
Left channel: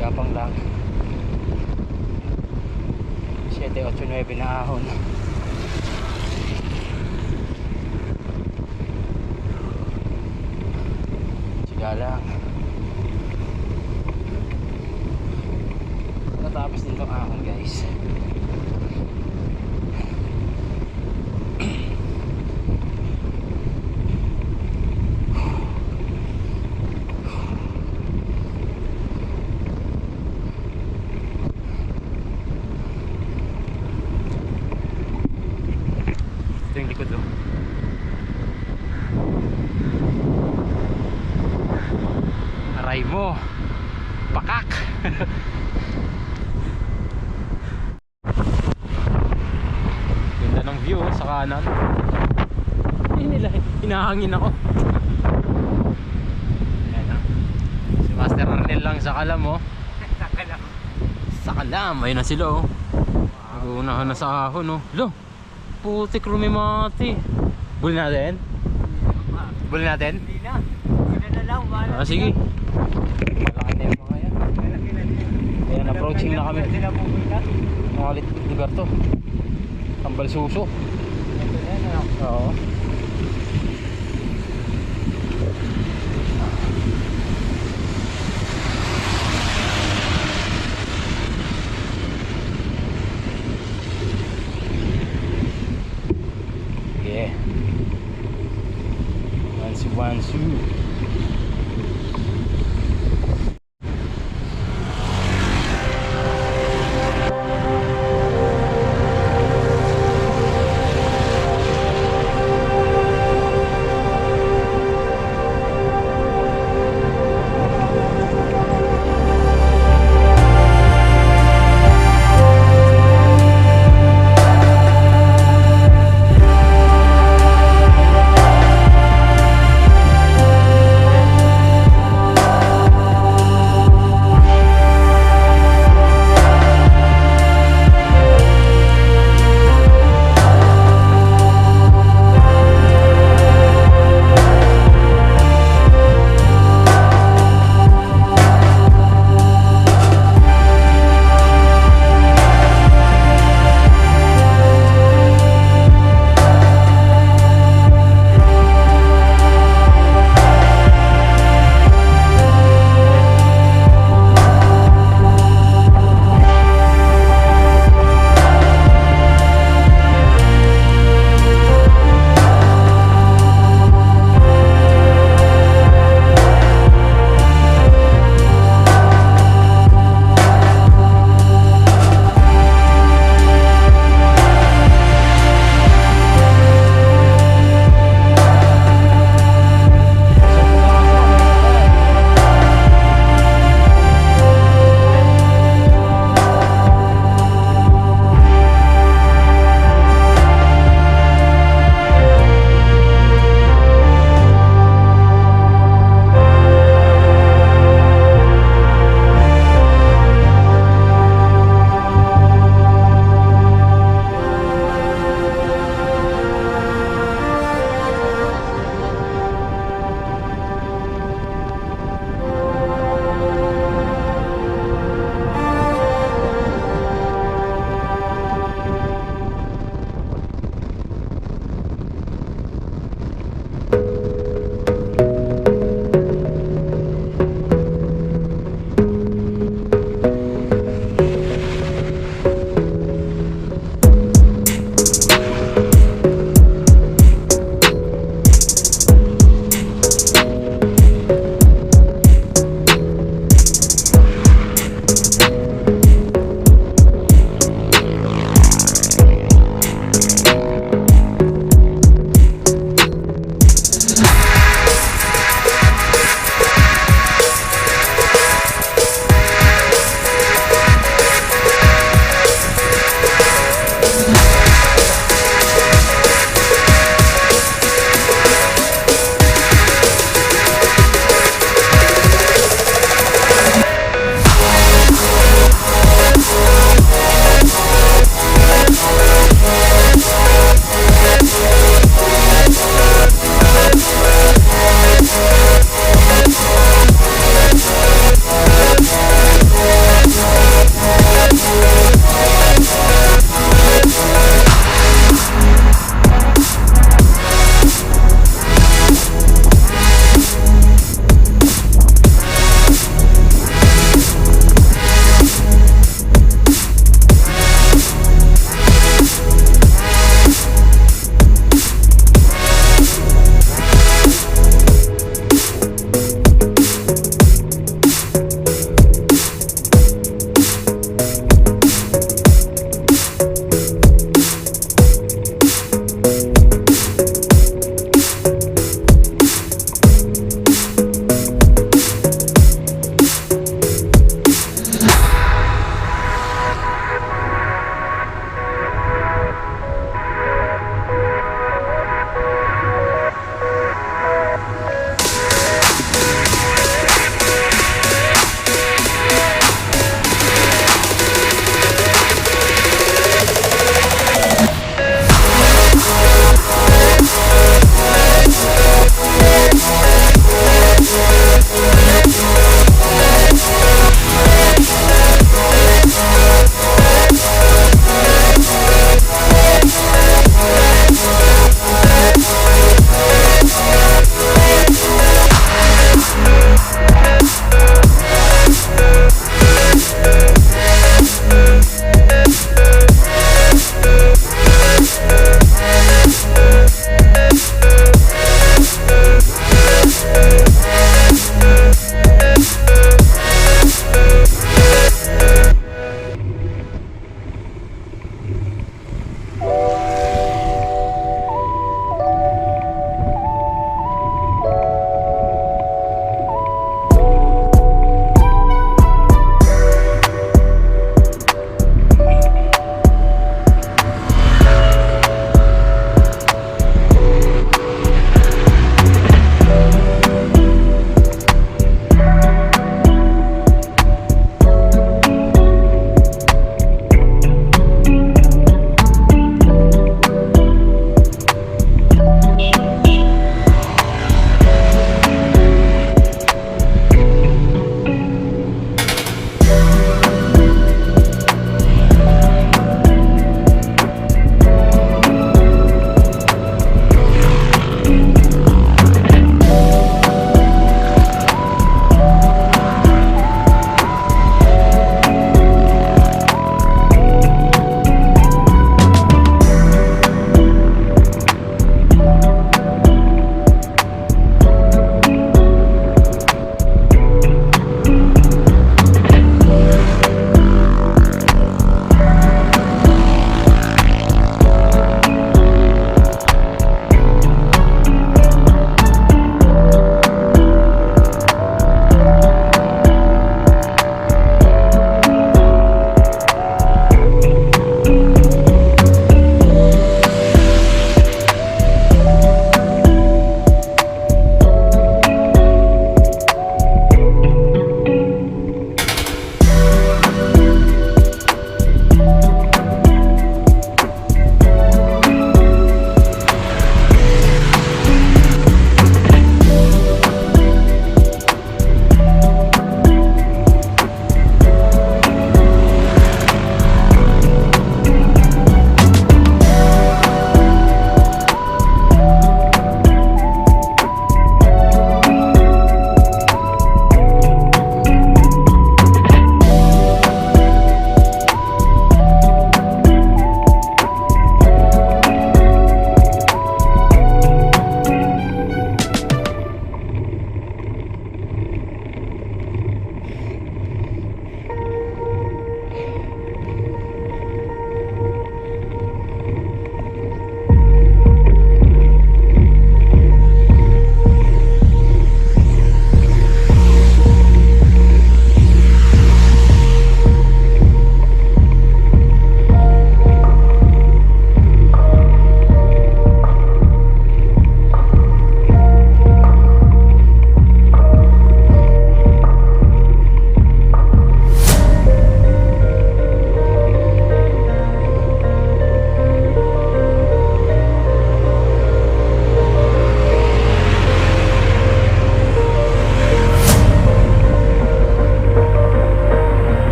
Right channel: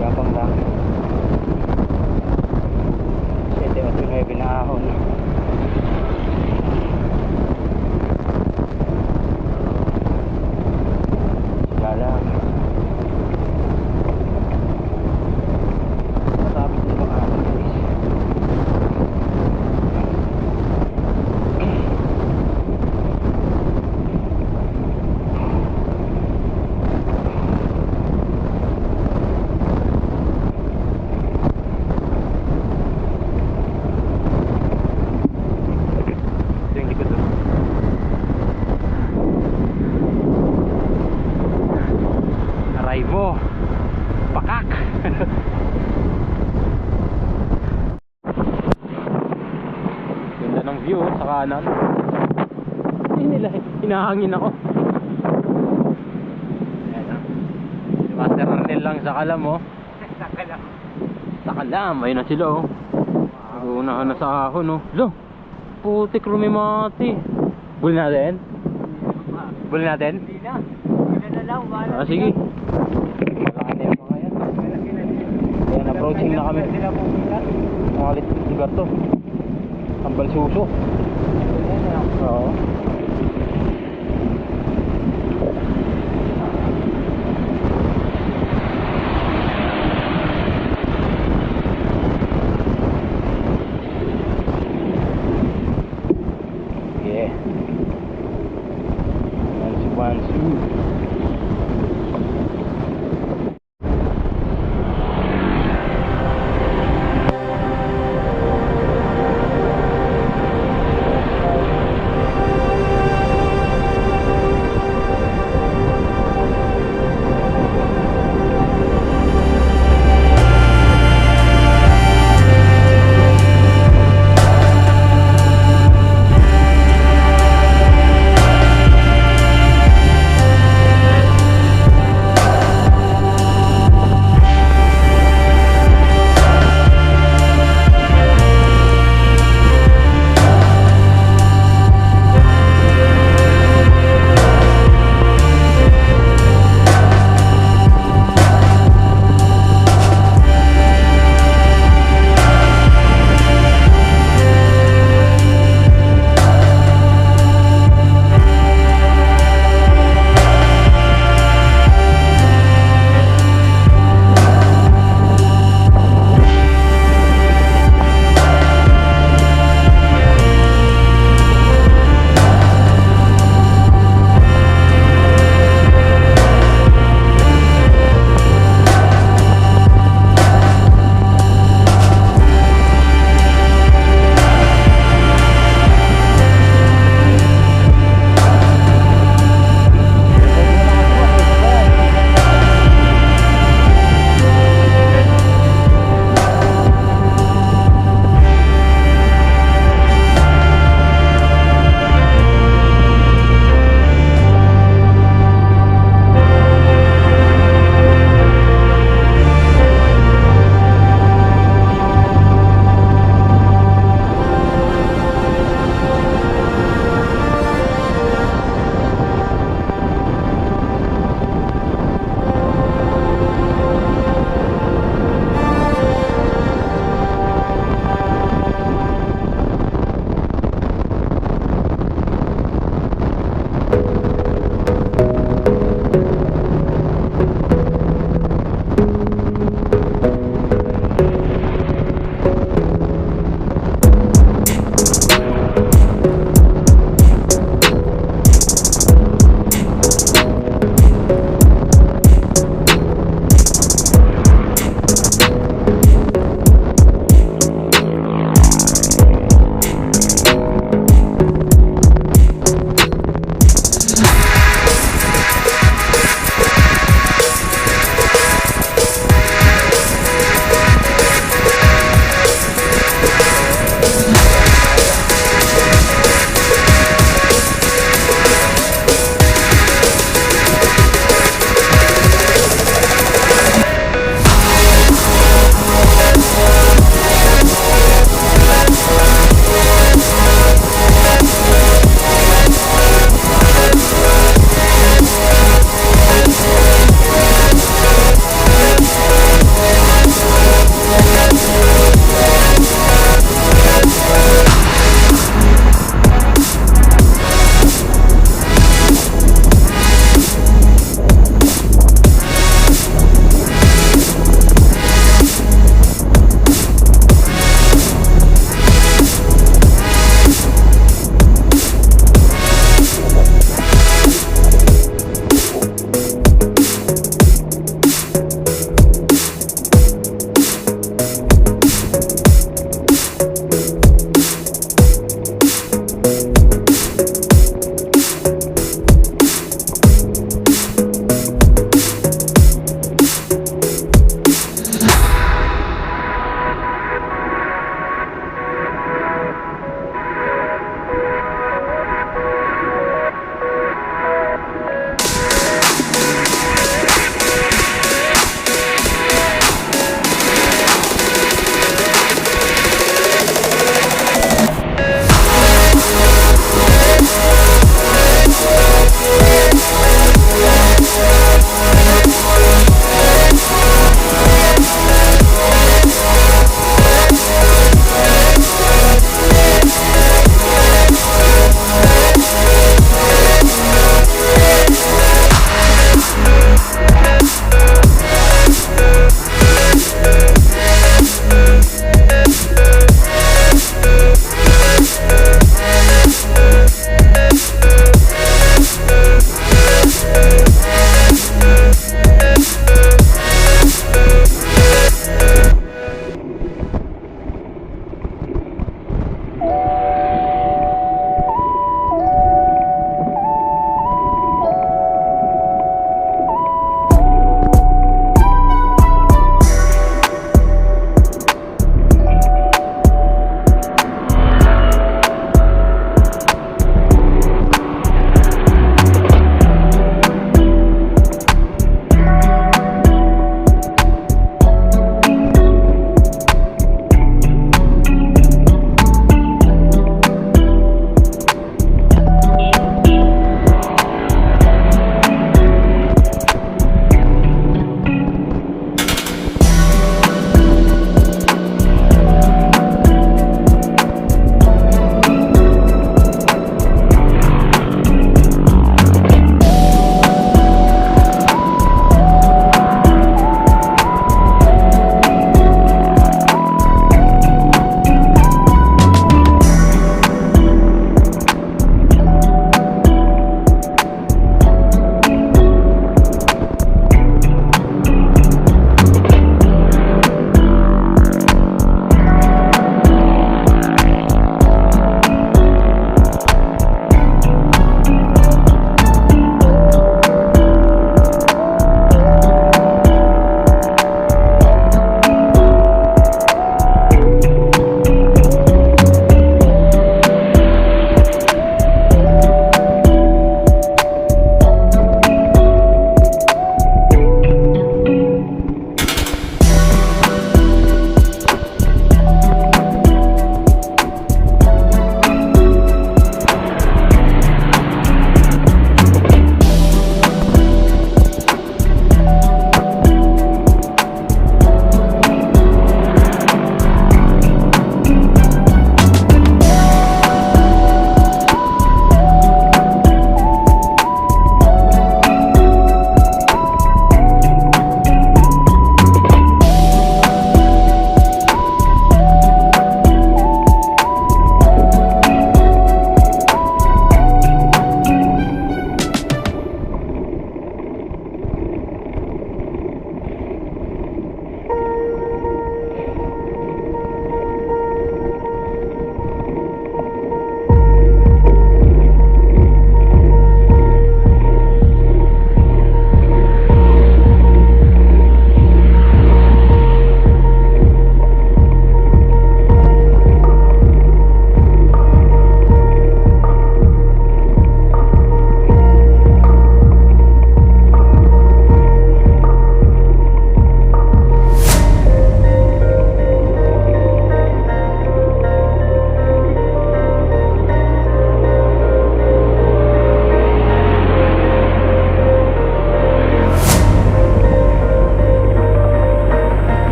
Gapang lang. 7 o 9 na ahon. daanan. Hinahangin ako. Ayan, ah. Si Master Arnel lang sa kalam, oh. Sa kalam. Ayun na sila, oh. Nag-uunahan na sa ahon, oh. Lo, putik rumimati. Buli natin? Buli natin? Hindi na. Hindi na lang. Ah, sige. Malaki na yung mga yan. Ayan, approaching na kami. Sila pumunta. Mga lugar to. Tambal Suso. Oo. Yeah. Wansu.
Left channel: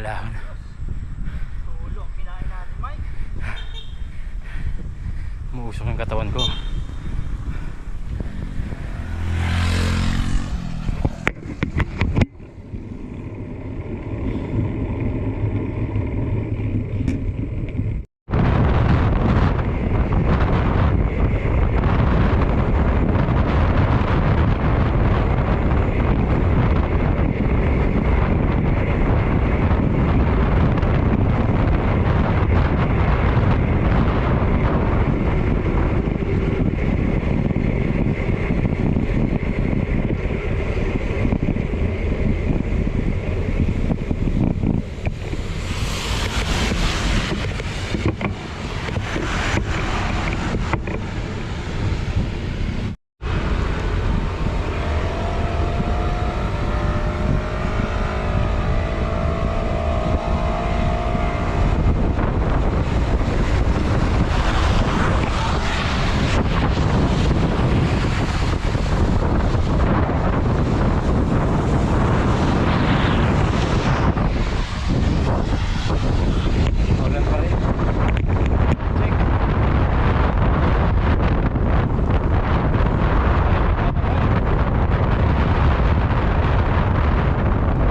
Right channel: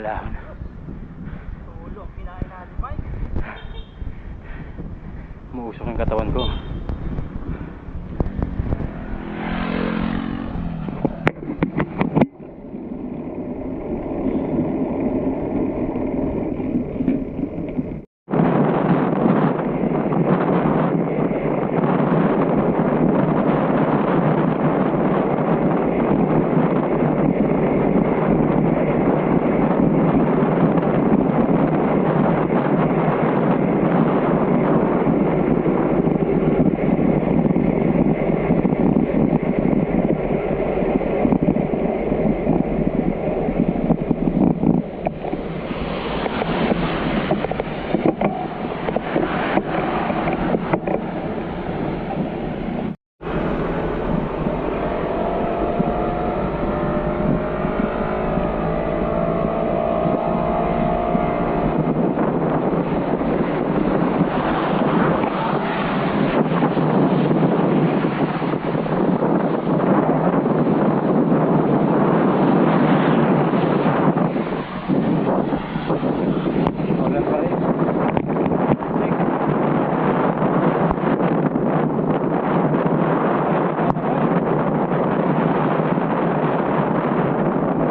wala. Tulog, kinain natin, Mike. Umuusok yung katawan ko. Ulan pa rin. Check.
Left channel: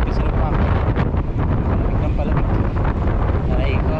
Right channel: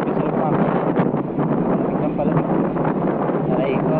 Gusto pa. Palamig ng palamig. Aray ko.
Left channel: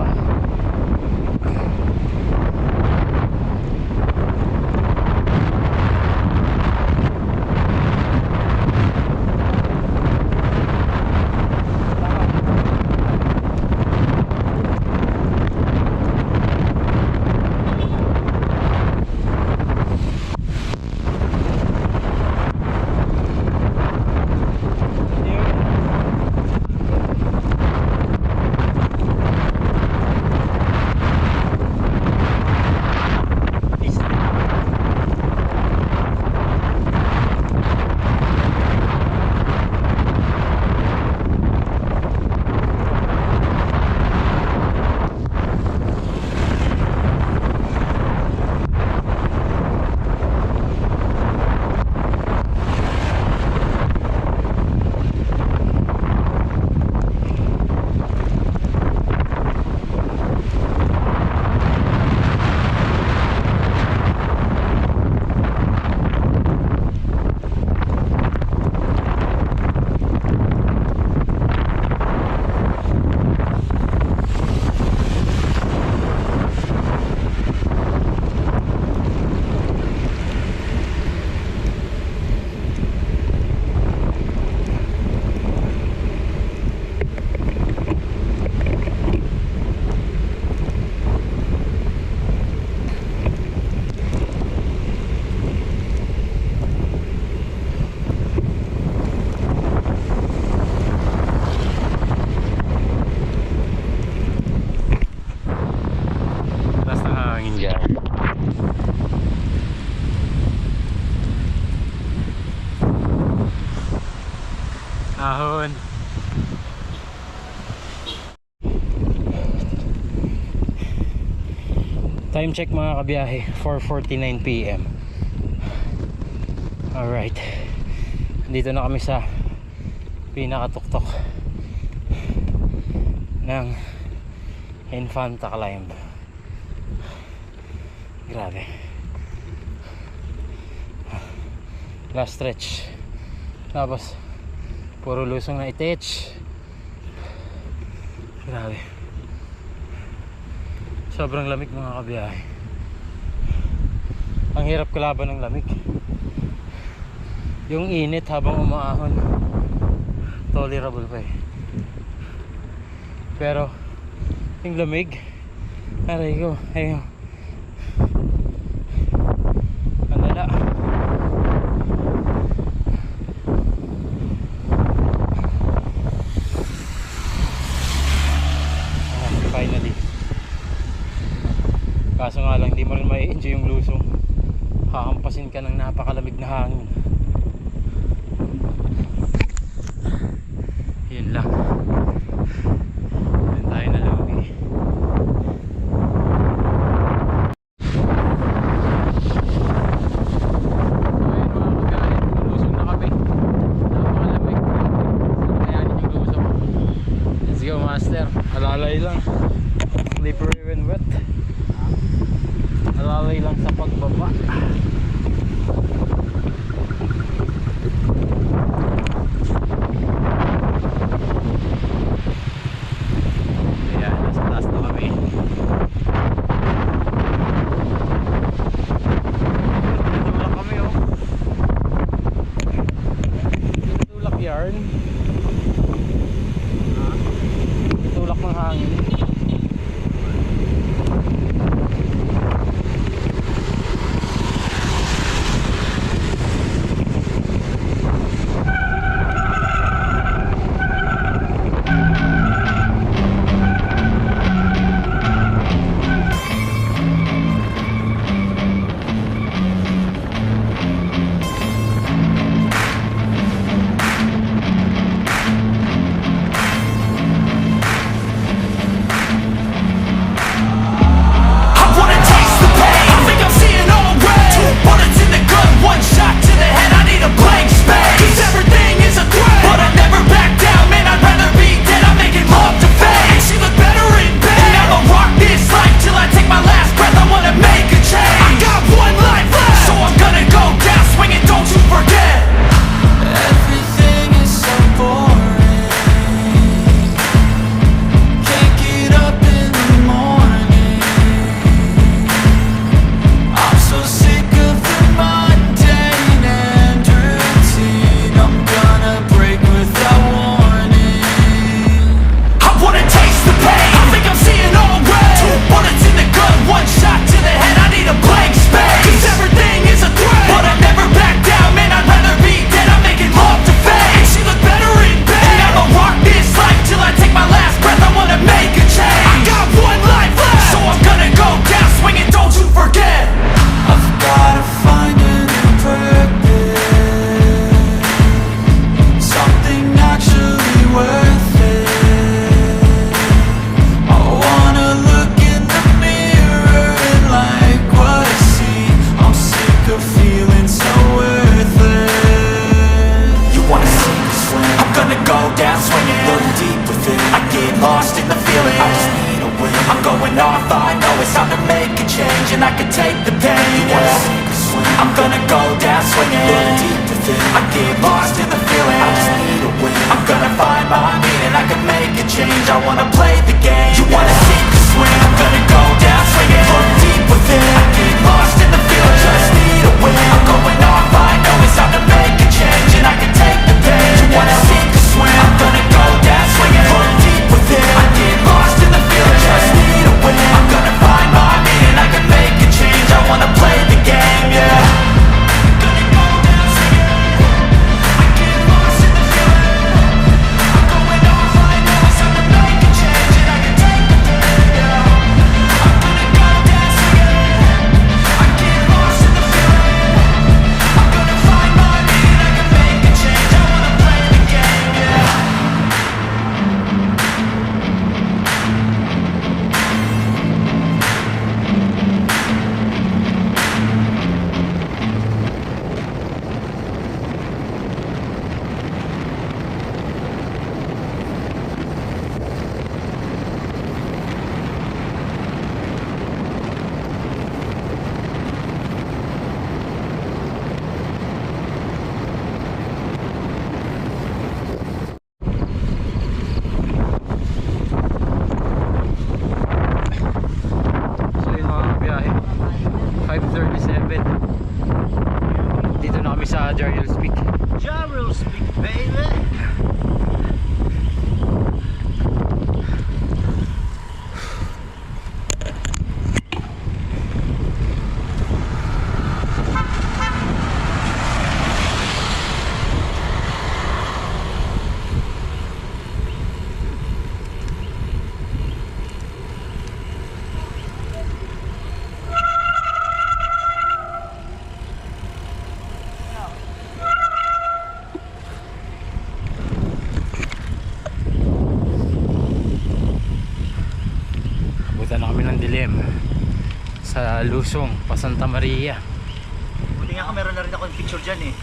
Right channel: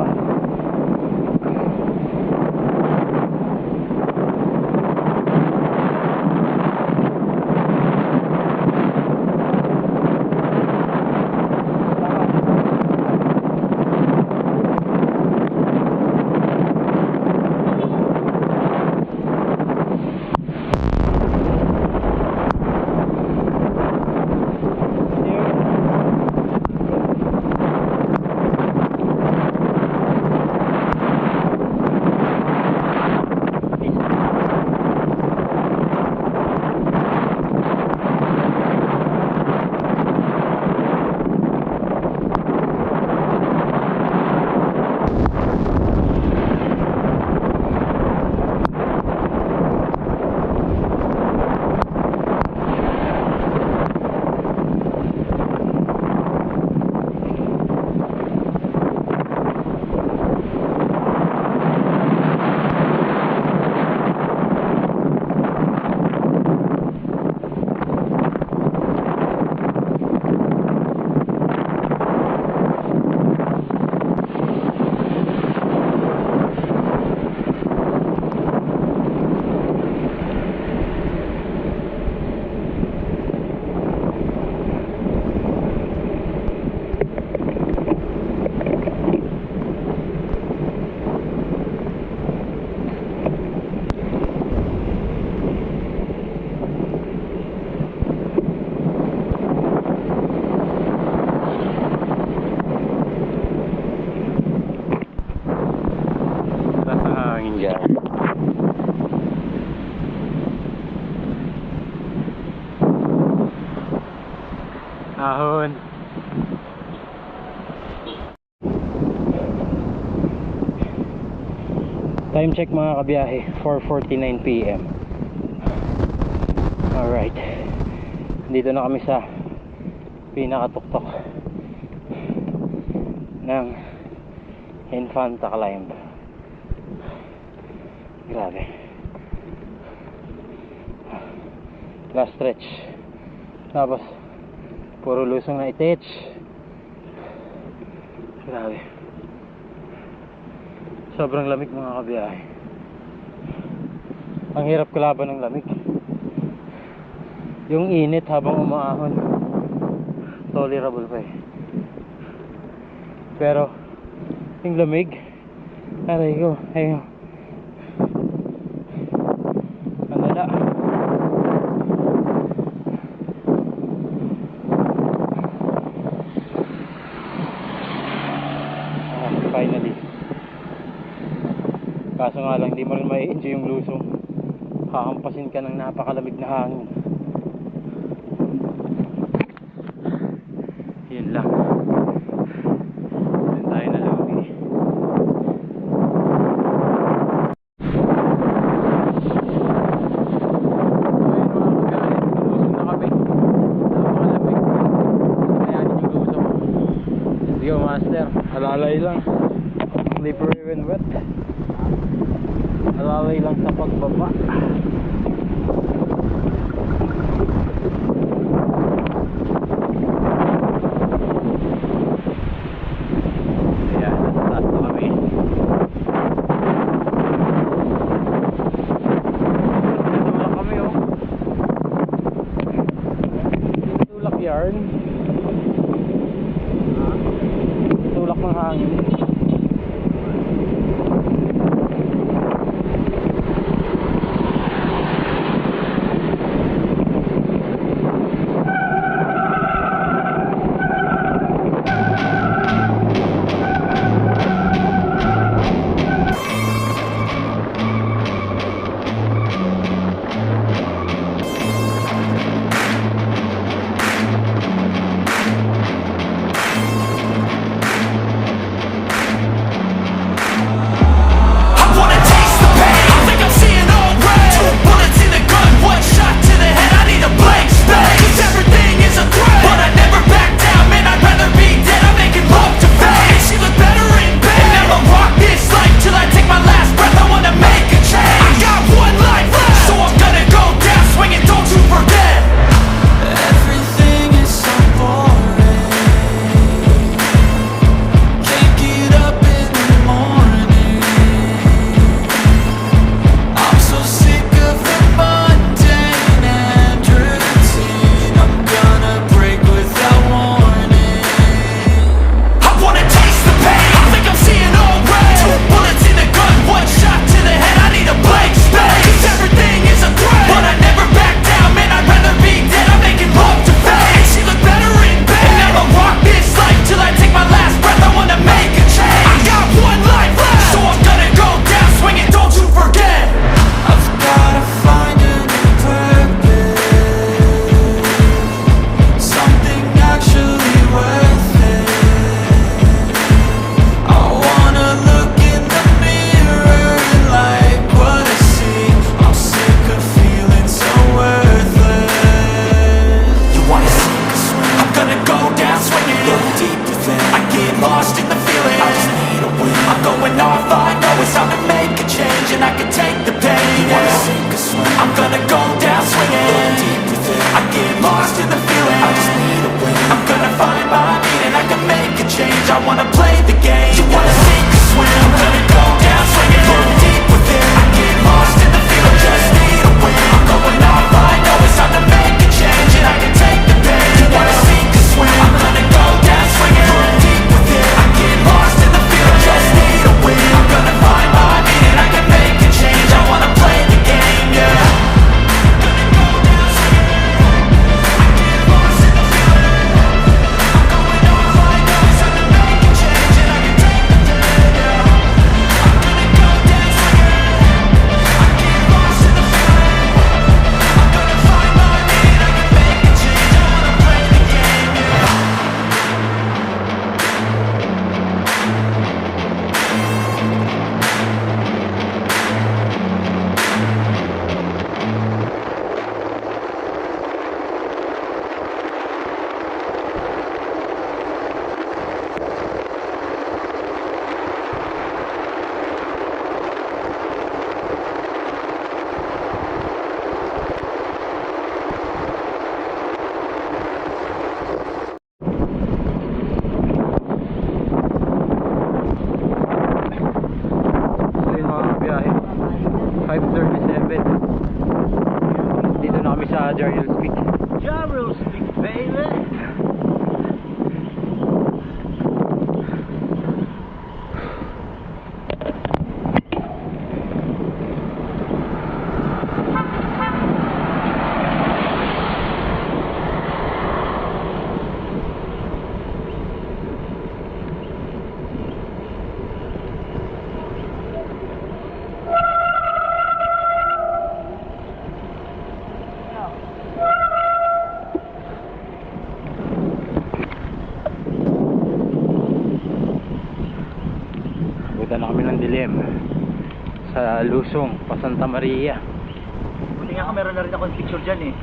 Taas ng hangin dyan. Ahon. Time check mga kabiyahe, 4:49 PM. Alright. Dito na kami sa pinakatuktok ng Infanta Climb. Grabe. Last stretch. Tapos puro lusong na itech. Grabe. Sobrang lamig mga kabiyahe. Ang hirap kalaban ng lamig. Yung init habang umaahon, tolerable pa eh. Pero yung lamig, aray ko, ayun. Ang lala. Finally. Kaso nga lang, di mo rin mai-enjoy yung lusong. Hakampasin ka ng napakalamig na hangin. Yun lang. Yun tayo na lugi. Lusong na kami. Napakalamig. Kayanin yung lusong. Let's go, Master. Master? Alalay lang. Slippery when wet. Alalay lang sa pagbaba. Ayan, nasa taas na kami. Tutulak kami oh. Tutulak yarn. Tutulak ng hangin. I wanna taste the pain. I think I'm seeing all red. 2 bullets in the gun, 1 shot to the head. I need a blank space. 'Cause everything is a threat, but I never back down. Man, I'd rather be dead. I'm making love to fame. And she look better in bed. And I'ma rock this life till I take my last breath. I wanna make a change. I got 1 life left, so I'm gonna go down swinging. Don't you forget. Everything is so boring. Can't get up in the morning. I'm so sick of the mundane and routine. I'm gonna break without warning. I wanna taste the pain. I think I'm seeing all red. 2 bullets in the gun, 1 shot to the head. I need a blank space. 'Cause everything is a threat, but I never back down. Man, I'd rather be dead. I'm making love to fame. And she look better in bed. And I'ma rock this life till I take my last breath. I wanna make a change. I got 1 life left, so I'm gonna go down swinging. Don't you forget. I've gotta find a new purpose, something actually worth it. I wanna look in the mirror and like what I see. I'm sick of feeling so worthless. You wanna sink or swim? I'm gonna go down swinging. Look deep within. I get lost in the feeling. I just need a win. I'm going off. I know it's time to make a change, and I can take the pain. You wanna sink or swim? I'm gonna go down swinging. Look deep within. I get lost in the feeling. I just need a win. I'm gonna find my meaning. I can make a change. I wanna play the game. You wanna sink or swim? I'm gonna go down swinging. Look deep within. I get lost in the feeling. I just need a win. I'm going off. I know it's time to make a change, and I can take the pain. You wanna sink or swim? I'm gonna go down swinging. Look deep within. I get lost in the feeling. I just need a win. I'm gonna find my meaning. I can make a change. I wanna play the game, yeah. So yun mga biyahe, 5:37. Dito na kami sa Jarrell's Peak. Jarrell's Peak, baby. Buta na kami ng dilim sa Lusong, pa Santa Maria. Buti nga meron na rin ako yung picture dyan eh.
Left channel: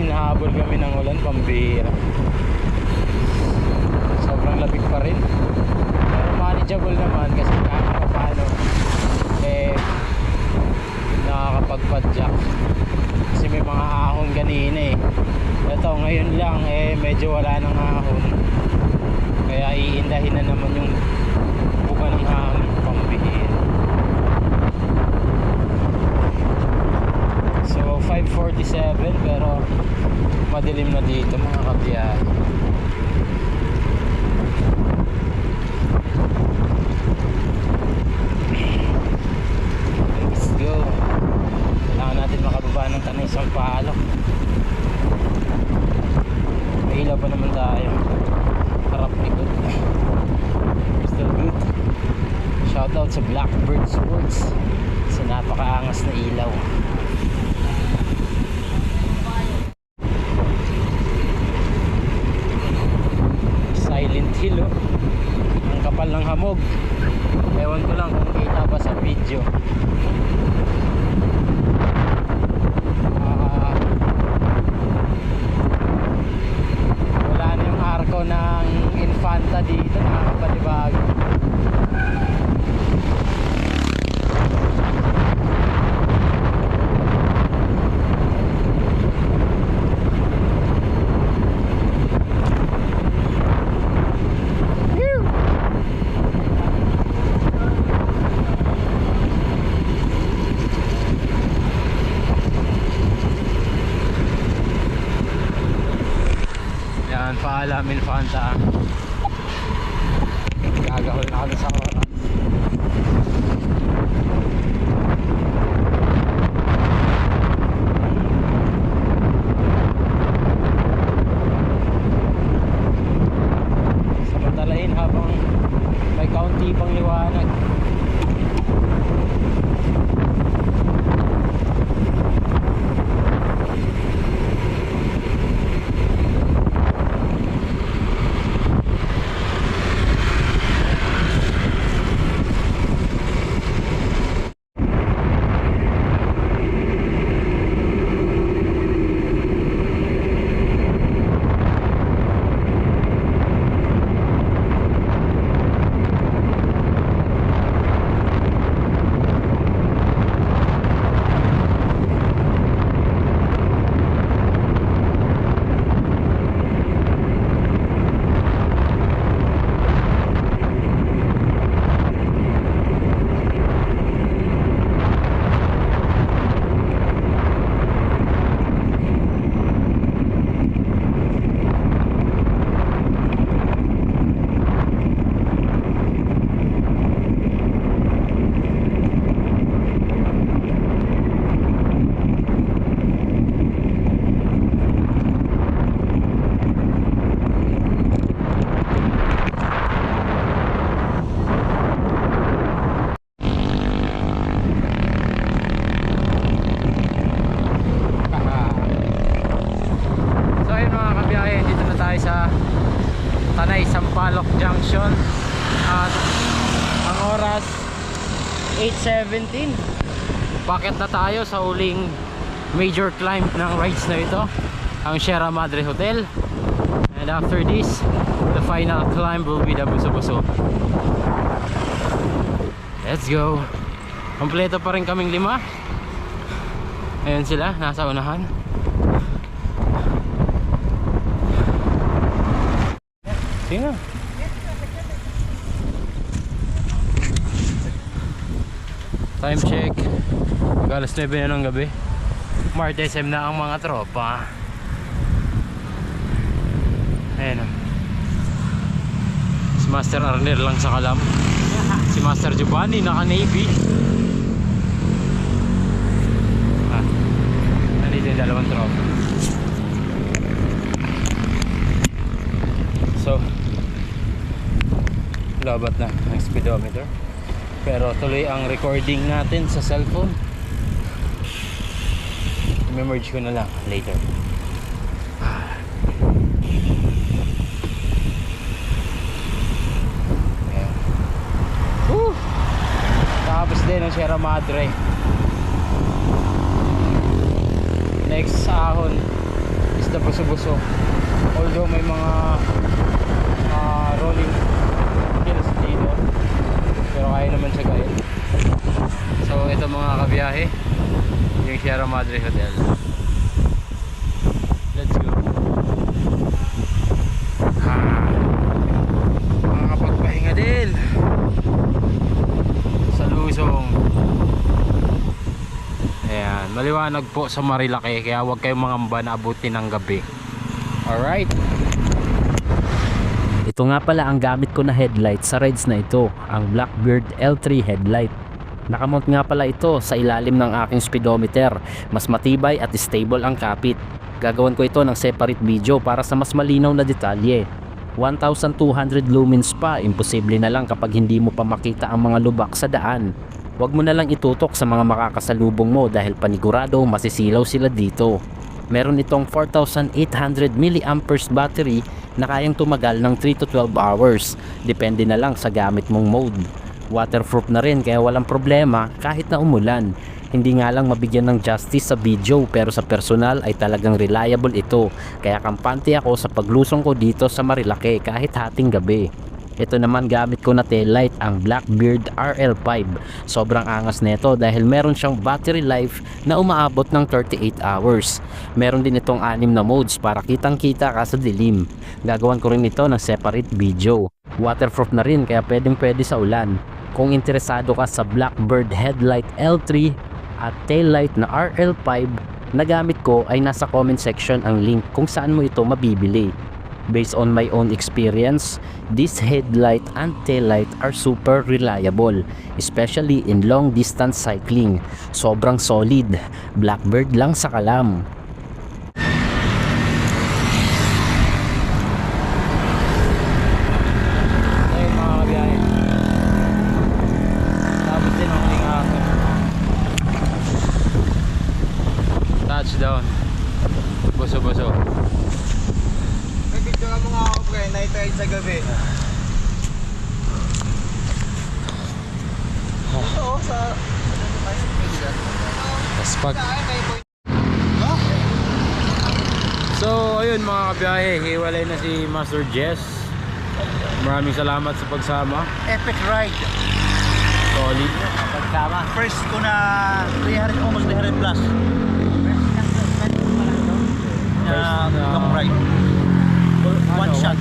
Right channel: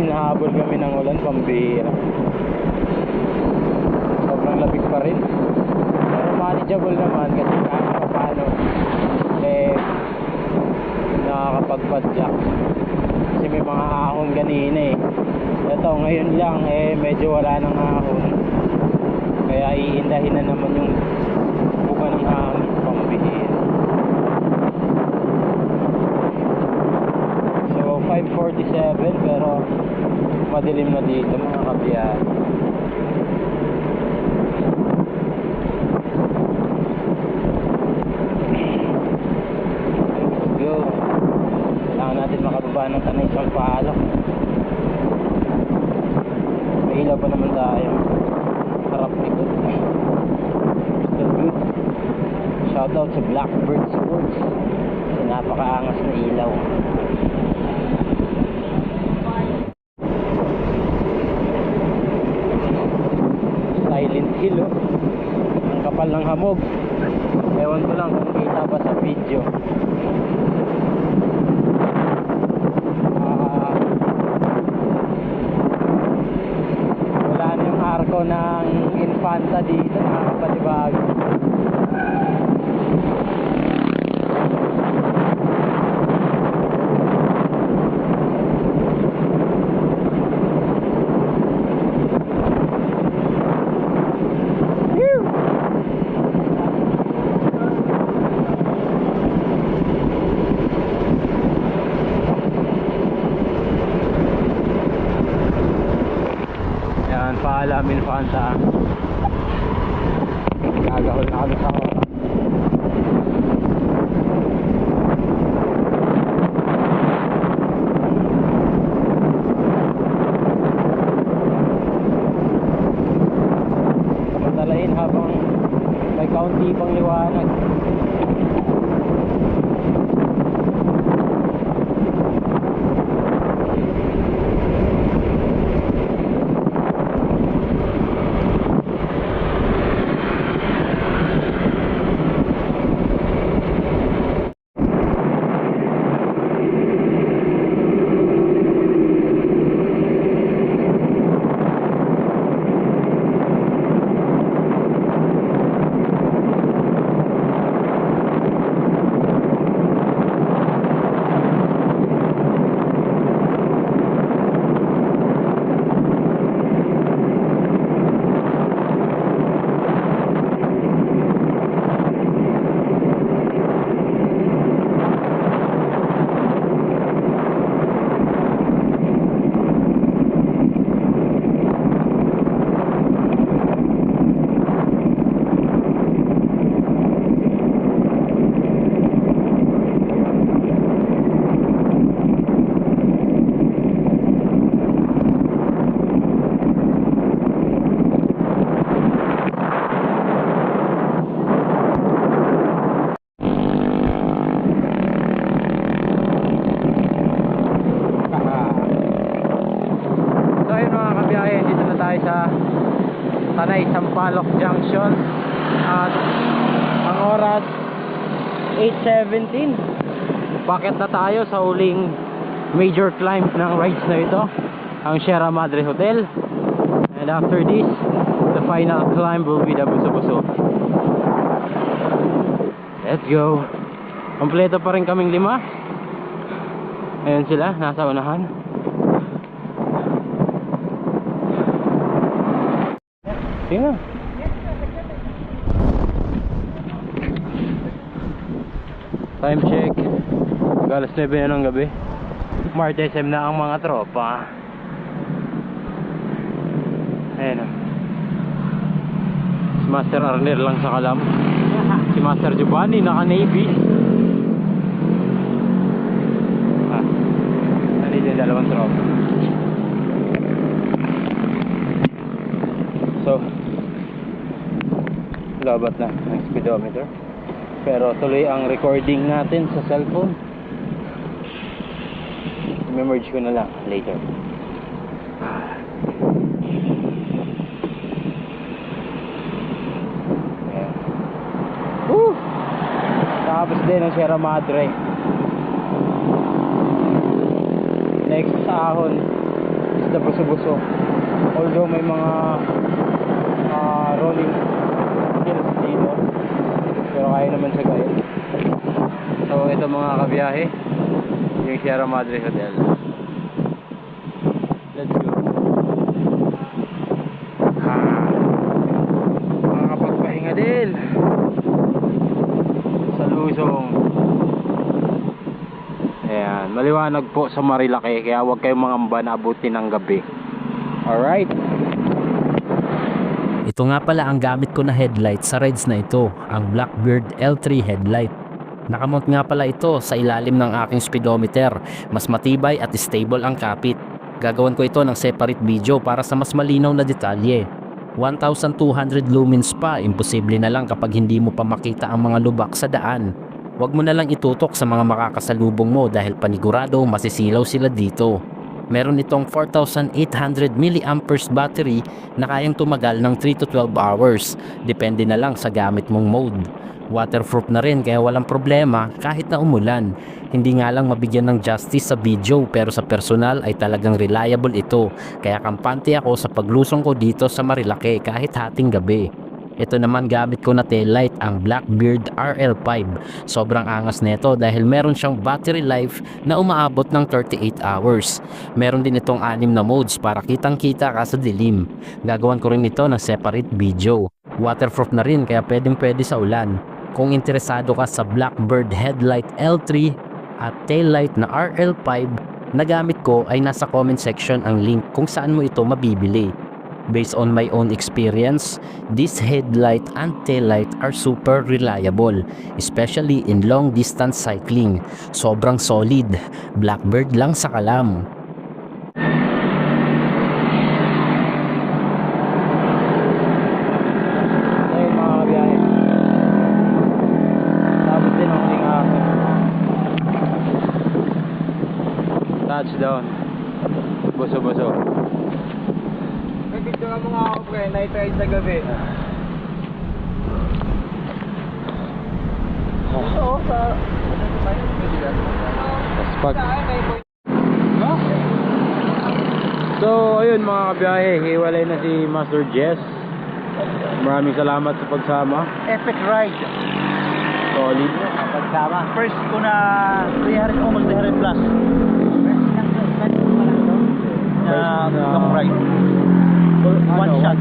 hinahabol kami ng ulan, pambihira. Sobrang labig pa rin. Pero manageable naman kasi kahit pa paano nakakapagpadjak. Kasi may mga ahon ganina eh. Ito ngayon lang medyo wala nang ahon. Kaya iindahin na naman yung buka ng hangin, pambihira. So 5:47 pero madilim na dito mga kabiyahe. Let's go. Kailangan natin makababa ng Tanay Sampaloc. May ilaw pa naman tayo. Harap likod. Still good. Shoutout sa Blackbird Sports sa napakaangas na ilaw. Silent Hill oh. Ang kapal ng hamog. Ewan ko lang kung kita ba sa video. Wala na yung arko ng Infanta dito, nakakapalibago. Paalam Infanta. Gagahol na kami sa oras. Samantalain habang may kaunti pang liwanag. Sa Tanay Sampaloc Junction at ang oras 8:17. Bakit na tayo sa huling major climb ng rides na ito, ang Sierra Madre Hotel, and after this the final climb will be the Buso-Buso. Let's go. Kompleto pa rin kaming 5. Ayun sila nasa unahan. Sige na. Time check. Mag-alas 9 na ng gabi. Mart SM na ang mga tropa. Ayan o. Si Master Arner lang sa kalam. Si Master Giovanni naka-navy. Nandito yung dalawang tropa. So labat na ang speedometer, pero tuloy ang recording natin sa cellphone. I-merge ko na lang later. Ayan. Tapos din ang Sierra Madre. Next ahon basta buso-buso. Although may mga rolling hills dito, pero kaya naman siya gawin. So ito mga kabiyahe, yung Sierra Madre Hotel. Let's go. Makakapagpahinga din sa Luzon. Ayan, maliwanag po sa Marilake, kaya huwag kayong mangamba na abutin ng gabi. Alright. Ito nga pala ang gamit ko na headlight sa rides na ito, ang Blackbird L3 headlight. Nakamount nga pala ito sa ilalim ng aking speedometer. Mas matibay at stable ang kapit. Gagawan ko ito ng separate video para sa mas malinaw na detalye. 1,200 lumens pa, imposible na lang kapag hindi mo pa makita ang mga lubak sa daan. Huwag mo na lang itutok sa mga makakasalubong mo dahil panigurado masisilaw sila dito. Meron itong 4,800 mAh battery na kayang tumagal ng 3 to 12 hours. Depende na lang sa gamit mong mode. Waterproof na rin kaya walang problema kahit na umulan. Hindi nga lang mabigyan ng justice sa video pero sa personal ay talagang reliable ito. Kaya kampante ako sa paglusong ko dito sa Marilake kahit hating gabi. Ito naman gamit ko na taillight, ang Blackbird RL5. Sobrang angas nito dahil meron siyang battery life na umaabot ng 38 hours. Meron din itong 6 na modes para kitang kita ka sa dilim. Gagawan ko rin ito ng separate video. Waterproof na rin kaya pwede sa ulan. Kung interesado ka sa Blackbird headlight L3 at taillight na RL5 na gamit ko ay nasa comment section ang link kung saan mo ito mabibili. Based on my own experience, this headlight and taillight are super reliable, especially in long distance cycling. Sobrang solid, Blackbird lang sa kalam. Ayun mga kabiyahe, tapos din ang huling hapon. Touchdown. Buso-buso. May video ka mga ako pre, night ride sa gabi. Oo, sa... Paspag. So ayun mga kabiyahe, hiwalay na si Master Jess. Maraming salamat sa pagsama. Epic ride. Solid. Pagsama. First ko na 300, almost 300 plus. Na long ride. One shot.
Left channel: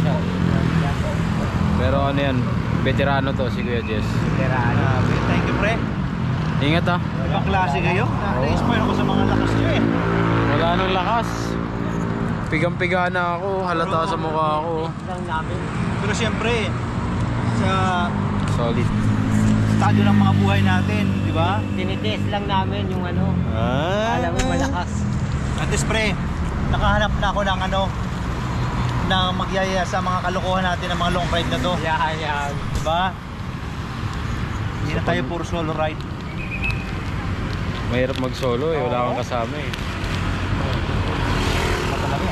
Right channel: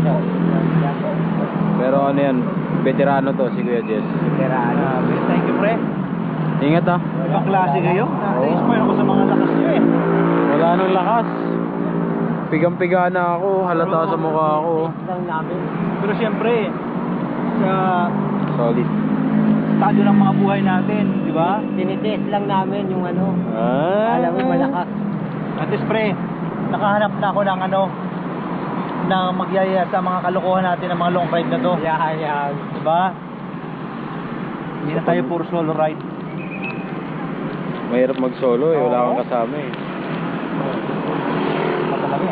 Pero ano yan, veterano to si Kuya Jess. Thank you pre. Ingat ah. Ibang klase kayo. Na-inspire ako sa mga lakas nyo eh. Wala nang lakas. Pigang-piga na ako, halata sa mukha ako. Pero siyempre, sa Solid. estado ng mga buhay natin, di ba? Tinitest lang namin yung ano, Ah. mo malakas. At least pre, nakahanap na ako ng ano, na magyaya sa mga kalokohan natin ng mga long ride na to. Yan. Diba? Hindi na tayo puro solo ride. Mahirap mag-solo eh, wala kang kasama eh. Matalaki.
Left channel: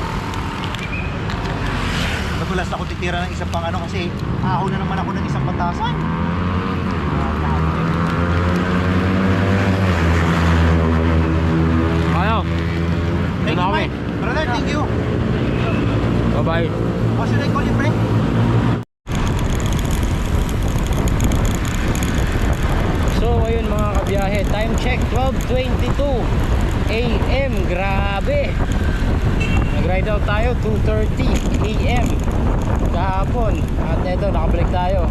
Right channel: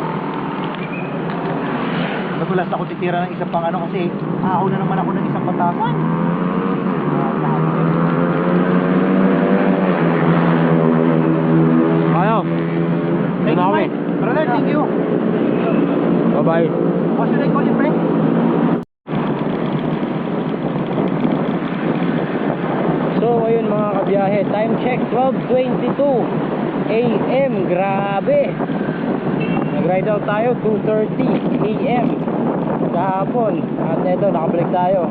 Matulas na ako titira ng isang pang ano kasi ako na naman ako ng isang batasan. Ayaw. Thank you, Mike. Brother, thank you. Bye-bye. What should I call you, friend? So ayun mga kabiyahe, time check 12:22 AM. Grabe. Nag-ride out tayo 2:30 AM kahapon. At eto nakabalik tayo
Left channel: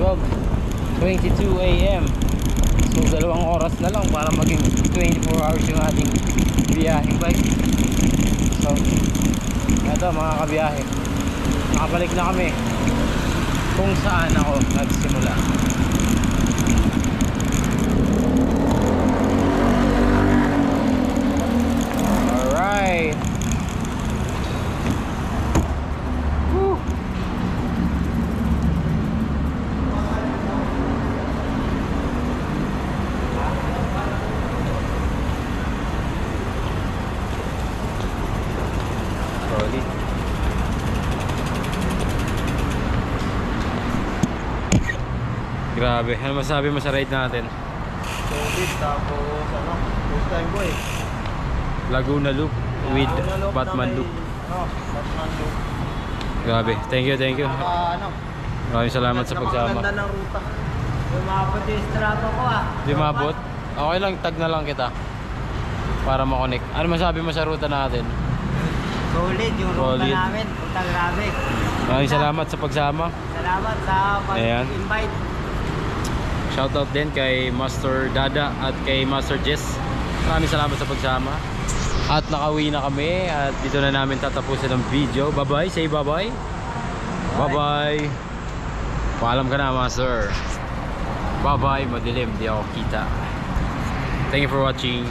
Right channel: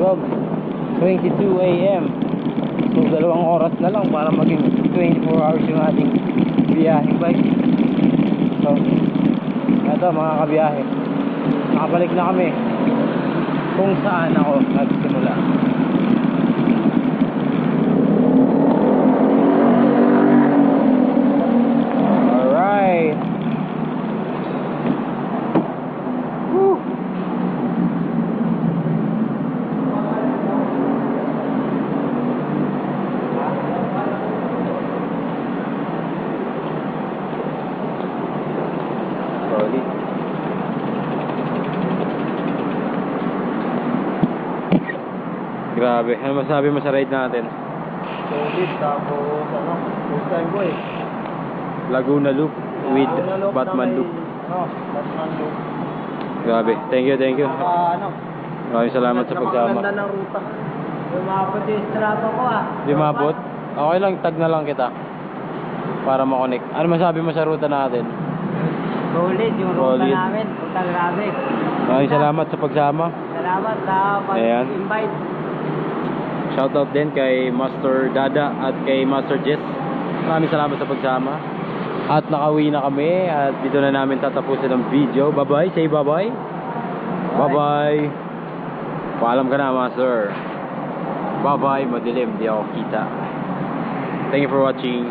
12:22 AM. So 2 oras na lang para maging 24 hours yung ating biyaheng bike. So eto mga kabiyahe, nakabalik na kami kung saan ako nagsimula. Alright. Woo. Solid. Grabe, ano masabi mo sa ride natin? Solid, tapos ano, first time ko eh. Laguna Loop. with Batman look. Batman look. Grabe. Thank you, thank you. Ano? Maraming salamat sa pagsama. Napakaganda ng ruta. Lumapot yung strato ko ah. Di maabot? Okay lang, tag na lang kita. Para makonek. Ano masabi mo sa ruta natin? Solid yung ruta Solid. namin. Punta grabe. Maraming salamat sa pagsama. Salamat sa Ayan. pag-invite. Shoutout din kay Master Dada at kay Master Jess. Maraming salamat sa pagsama. At nakauwi na kami at dito na namin tatapusin ang video. Bye-bye. Say bye-bye. Bye-bye. Paalam ka na, Master. Bye-bye. Madilim. Di ako kita. Thank you for watching.